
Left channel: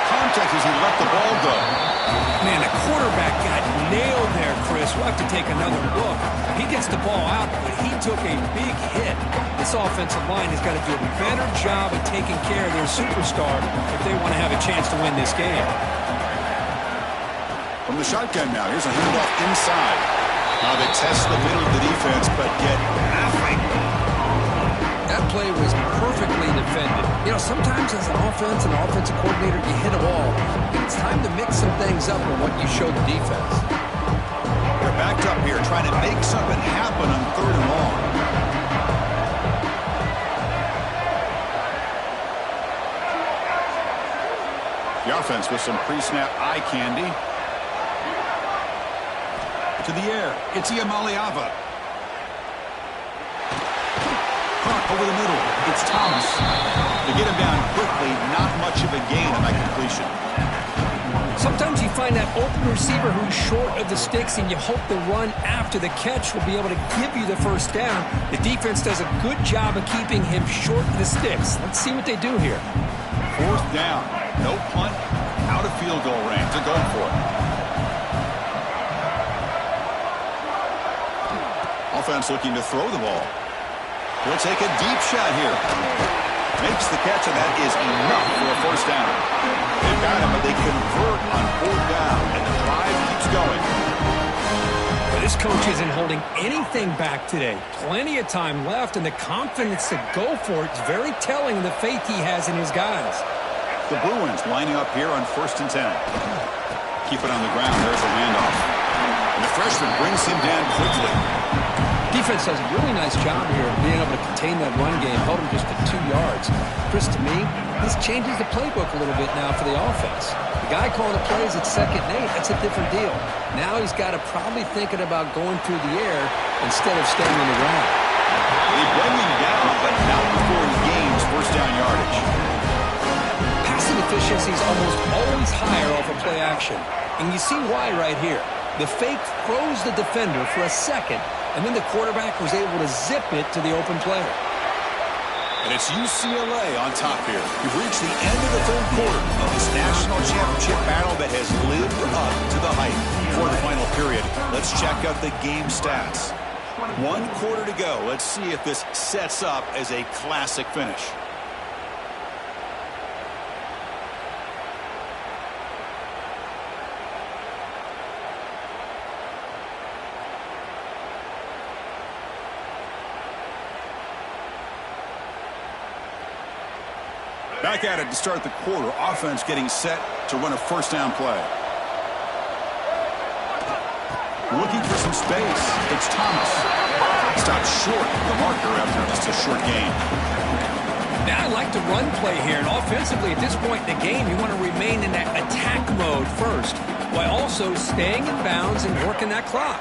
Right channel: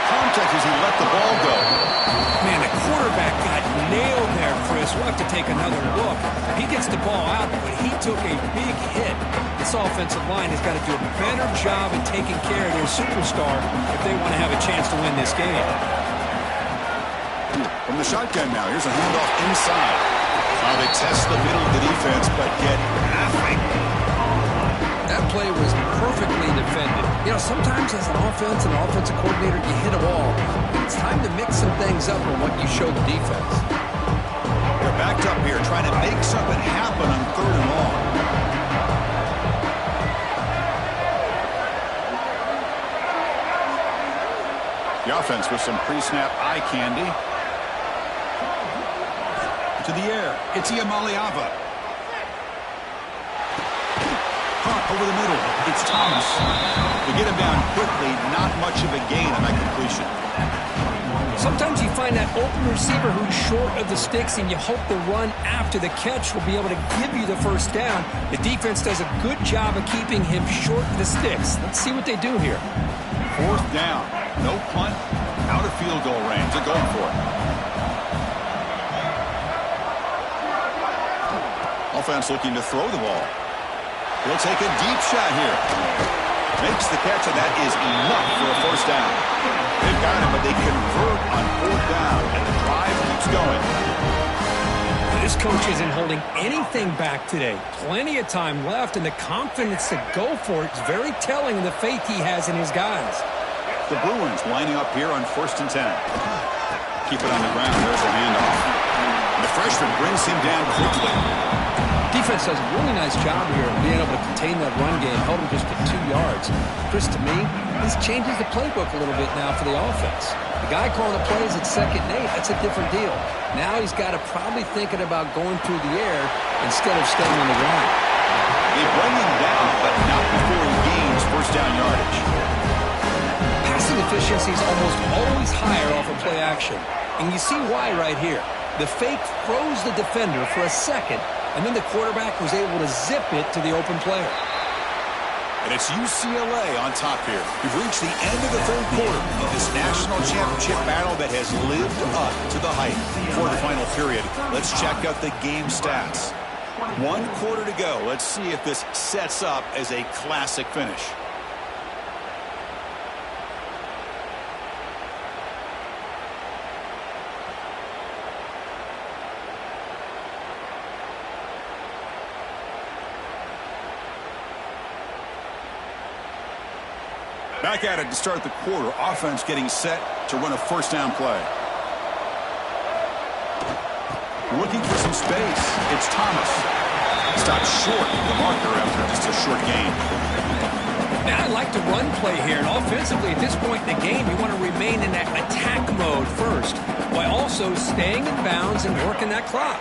Contact as he let the ball go. Man, the quarterback got nailed there, Chris. We'll have to take another look. He gets the ball out, but he took a big hit. This offensive line has got to do a better job of taking care of their superstar if they want to have a chance to win this game. From the shotgun now, here's a handoff inside. Now they test the middle of the defense, but get nothing. You know, sometimes as an offense and offensive coordinator, you hit a wall. It's time to mix some things up on what you show the defense. They're backed up here trying to make something happen on 3rd and long. The offense with some pre-snap eye candy. To the air. It's Iamaleava. Caught over the middle. It's Thomas. To get him down quickly, not much of a gain on that completion. Sometimes you find that open receiver who's short of the sticks, and you hope the run after the catch will be able to give you the first down. The defense does a good job of keeping him short of the sticks. Let's see what they do here. 4th down. No punt. Out of field goal range. They're going for it. Offense looking to throw the ball. He'll take a deep shot here. Makes the catch, and that is enough for a 1st down. They've got him, but they convert on 4th down, and the drive keeps going. But this coach isn't holding anything back today. Plenty of time left, and the confidence to go for it is very telling of the faith he has in his guys. The Bruins lining up here on 1st and 10. Keep it on the ground. There's a handoff. And the freshman brings him down quickly. Defense does a really nice job here of being able to contain that run game, held him just to 2 yards. Chris, to me, this changes the playbook a little bit now for the offense. The guy calling the plays at 2nd and 8, that's a different deal. Now he's got to probably thinking about going through the air instead of staying on the ground. They bring him down, but not before he gains 1st down yardage. Passing efficiency is almost always higher off of play action. And you see why right here. The fake froze the defender for a second, and then the quarterback was able to zip it to the open player. And it's UCLA on top here. We've reached the end of the 3rd quarter of this national championship battle that has lived up to the hype. For the final period, let's check out the game stats. 1 quarter to go. Let's see if this sets up as a classic finish. Back at it to start the quarter. Offense getting set to run a 1st down play. Looking for some space. It's Thomas. Stopped short of the marker after just a short gain. Now I like the run play here. And offensively, at this point in the game, you want to remain in that attack mode first, while also staying in bounds and working that clock.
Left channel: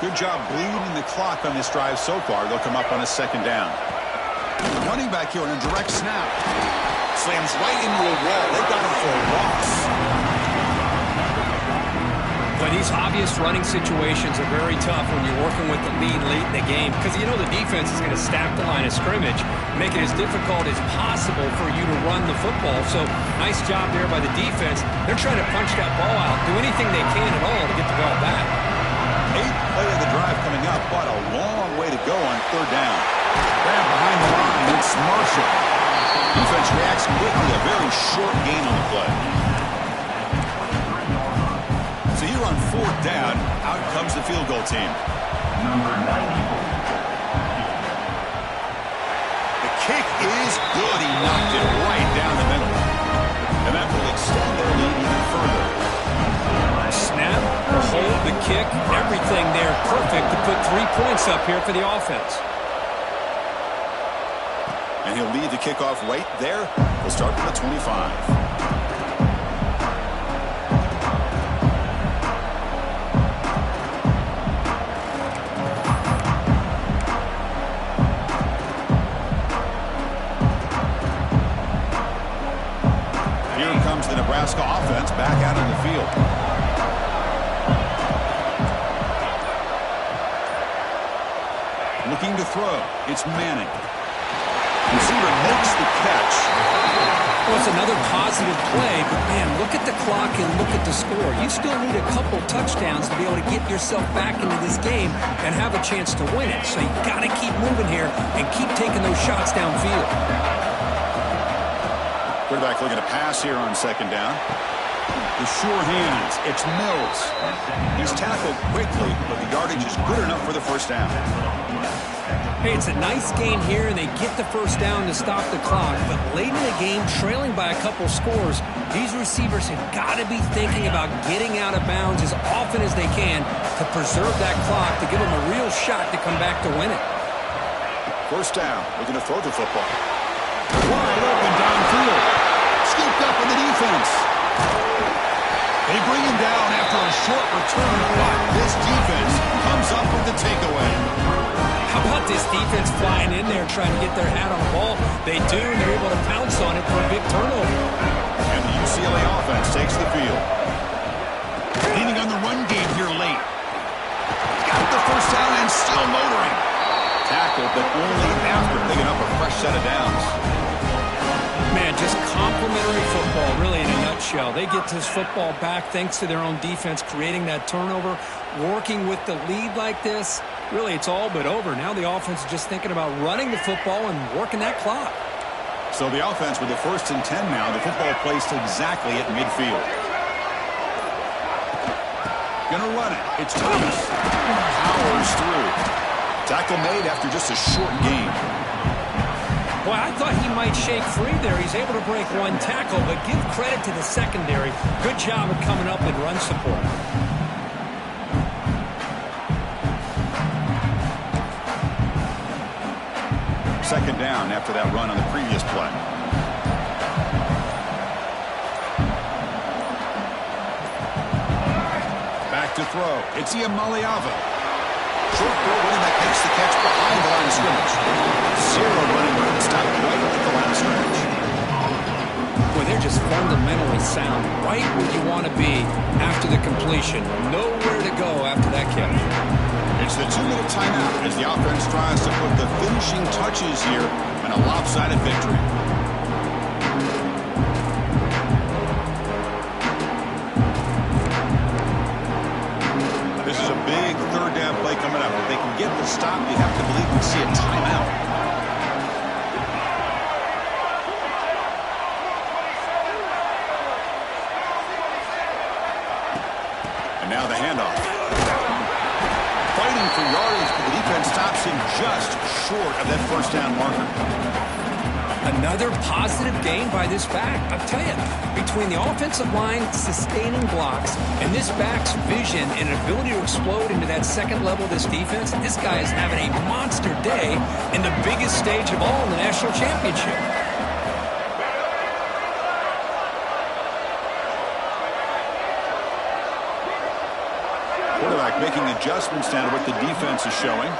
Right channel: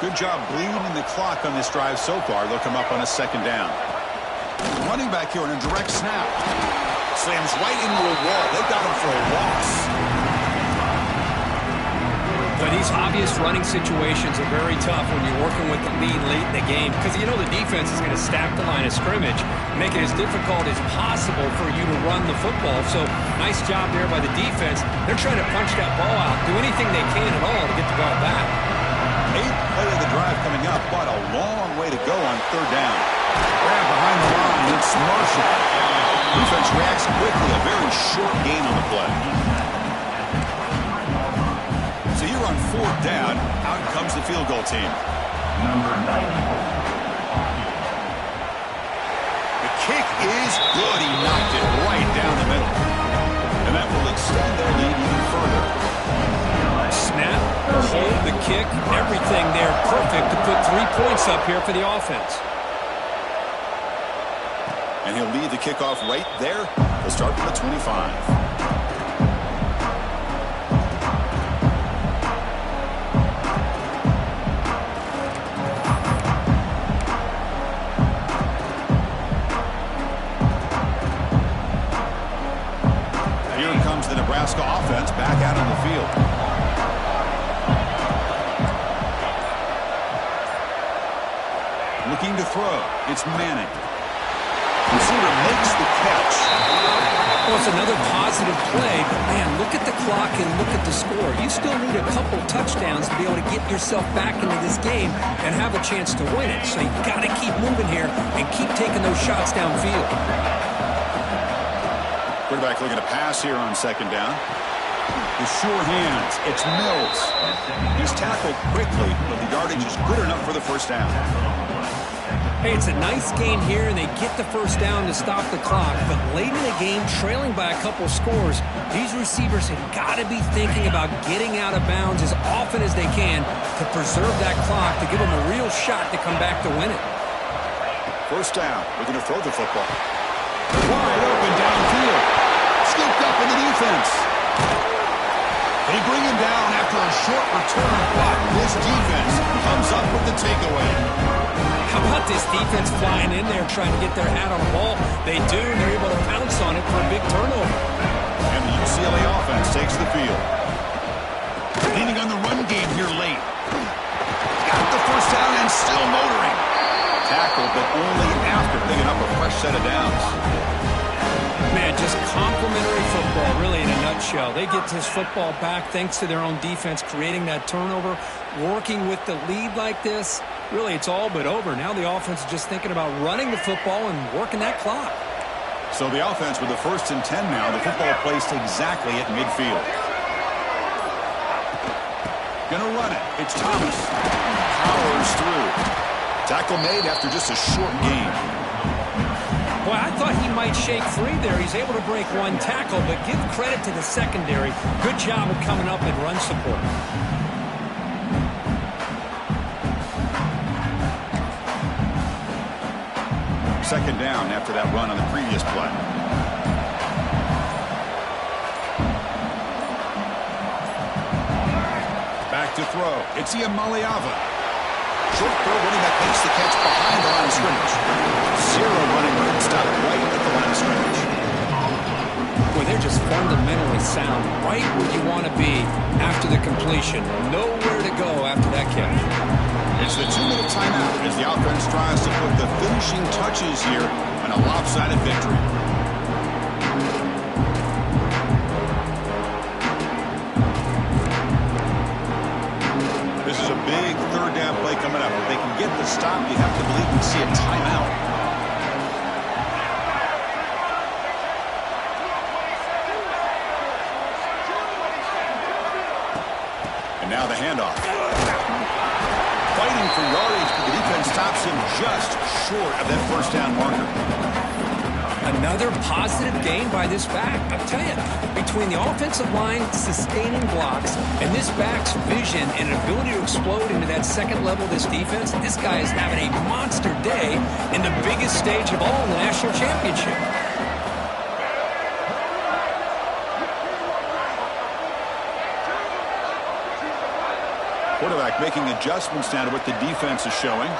Good job bleeding the clock on this drive so far. They'll come up on a 2nd down. Running back here on a direct snap. Slams right into a wall. They've got him for a loss. But these obvious running situations are very tough when you're working with the lead late in the game, because you know the defense is going to stack the line of scrimmage, make it as difficult as possible for you to run the football. So nice job there by the defense. They're trying to punch that ball out, do anything they can at all to get the ball back. 8th play of the drive coming up, but a long way to go on 3rd down. Grab behind the line. It's Marshall. Defense reacts quickly. A very short gain on the play. So here on 4th down, out comes the field goal team. Number 94. The kick is good. He knocked it right down the middle. And that will extend their lead even further. Snap, hold, the kick, everything there perfect to put 3 points up here for the offense. And he'll lead the kickoff right there. He'll start from the 25. Here comes the Nebraska offense back out on the field. Looking to throw. It's Manning. Receiver makes the catch. Well, it's another positive play, but man, look at the clock and look at the score. You still need a couple touchdowns to be able to get yourself back into this game and have a chance to win it. So you got to keep moving here and keep taking those shots downfield. Quarterback looking to pass here on 2nd down. The sure hands. It's Mills. He's tackled quickly, but the yardage is good enough for the 1st down. Hey, it's a nice gain here, and they get the first down to stop the clock. But late in the game, trailing by a couple scores, these receivers have got to be thinking about getting out of bounds as often as they can to preserve that clock, to give them a real shot to come back to win it. First down. We're going to throw the football. Wide open downfield. Scooped up in the defense. They bring him down after a short return, but this defense comes up with the takeaway. How about this defense flying in there trying to get their hat on the ball? They do, and they're able to pounce on it for a big turnover. And the UCLA offense takes the field. Leaning on the run game here late. Got the first down and still motoring. Tackled, but only after picking up a fresh set of downs. Man, just complimentary football, really, in a nutshell. They get this football back thanks to their own defense, creating that turnover, working with the lead like this. Really, it's all but over. Now the offense is just thinking about running the football and working that clock. So the offense with the 1st and 10 now. The football placed exactly at midfield. Gonna run it. It's Thomas. Powers through. Tackle made after just a short gain. Boy, I thought he might shake free there. He's able to break one tackle, but give credit to the secondary. Good job of coming up and run support. Second down after that run on the previous play. Back to throw. It's Iamaleava. Short throw, running back makes the catch behind the line of scrimmage. Zero running room, stopped right at the line of scrimmage. Boy, they're just fundamentally sound, right where you want to be after the completion. Nowhere to go after that catch. It's the 2-minute timeout as the offense tries to put the finishing touches here on a lopsided victory. This is a big third down play coming up. If they can get the stop, you have to believe we see a timeout. And now the handoff. Fighting for yardage, but the defense stops him just short of that first down marker. Another positive gain by this back. I'll tell you, between the offensive line sustaining blocks and this back's vision and ability to explode into that second level of this defense, this guy is having a monster day in the biggest stage of all in the national championship. Quarterback making adjustments now to what the defense is showing.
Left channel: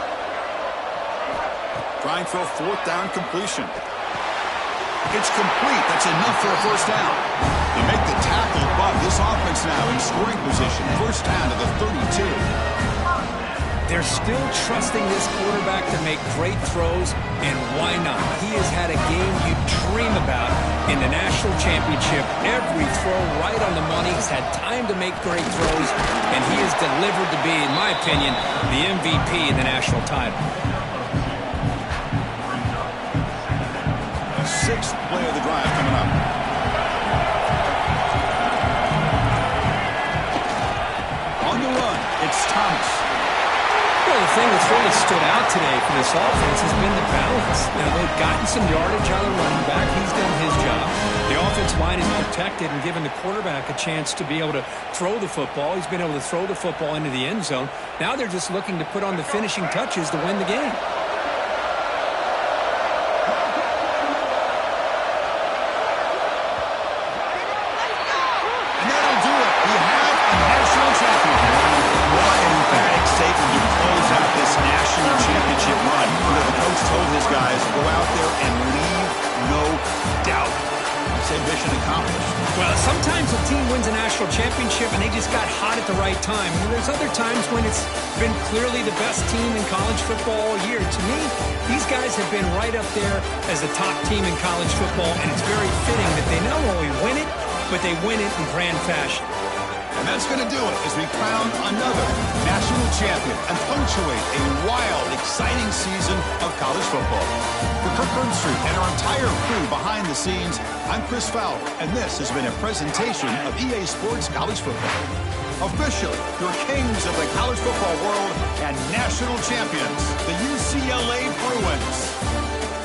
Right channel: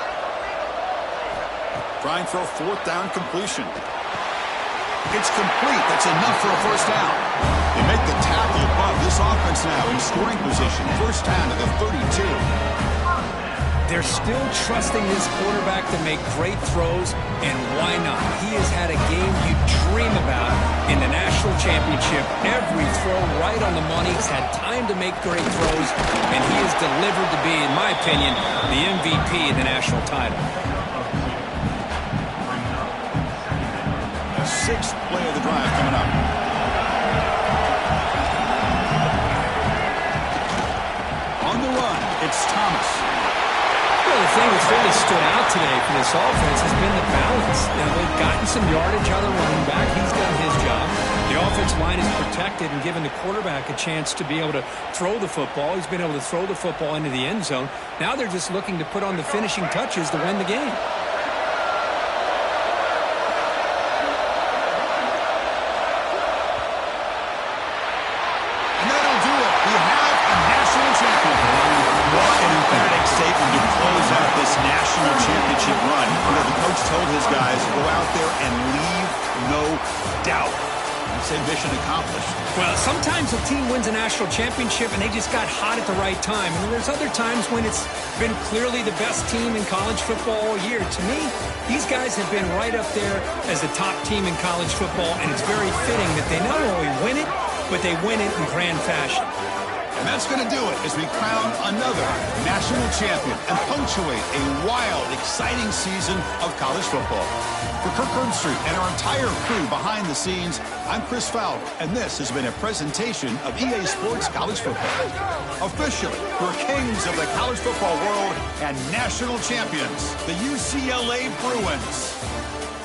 Trying for a 4th down completion. It's complete. That's enough for a first down. They make the tackle, but this offense now in scoring position. First down to the 32. They're still trusting this quarterback to make great throws, and why not? He has had a game you dream about in the national championship. Every throw right on the money. He's had time to make great throws, and he has delivered to be, in my opinion, the MVP in the national title. The 6th play of the drive coming up. On the run, it's Thomas. Well, the thing that's really stood out today for this offense has been the balance. Now, they've gotten some yardage out of the running back. He's done his job. The offensive line is protected and given the quarterback a chance to be able to throw the football. He's been able to throw the football into the end zone. Now they're just looking to put on the finishing touches to win the game. And that'll do it. We have a national champion. What an emphatic statement to close out this national championship run. You know, the coach told his guys, go out there and leave no doubt. Same mission accomplished. Well, sometimes a team wins a national championship and they just got hot at the right time. And there's other times when it's been clearly the best team in college football all year. To me, these guys have been right up there as the top team in college football, and it's very fitting that they not only win it, but they win it in grand fashion. And that's going to do it as we crown another national champion and punctuate a wild, exciting season of college football. For Kirk Herbstreit and our entire crew behind the scenes, I'm Chris Fowler, and this has been a presentation of EA Sports College Football. Officially, your kings of the college football world and national champions, the UCLA Bruins.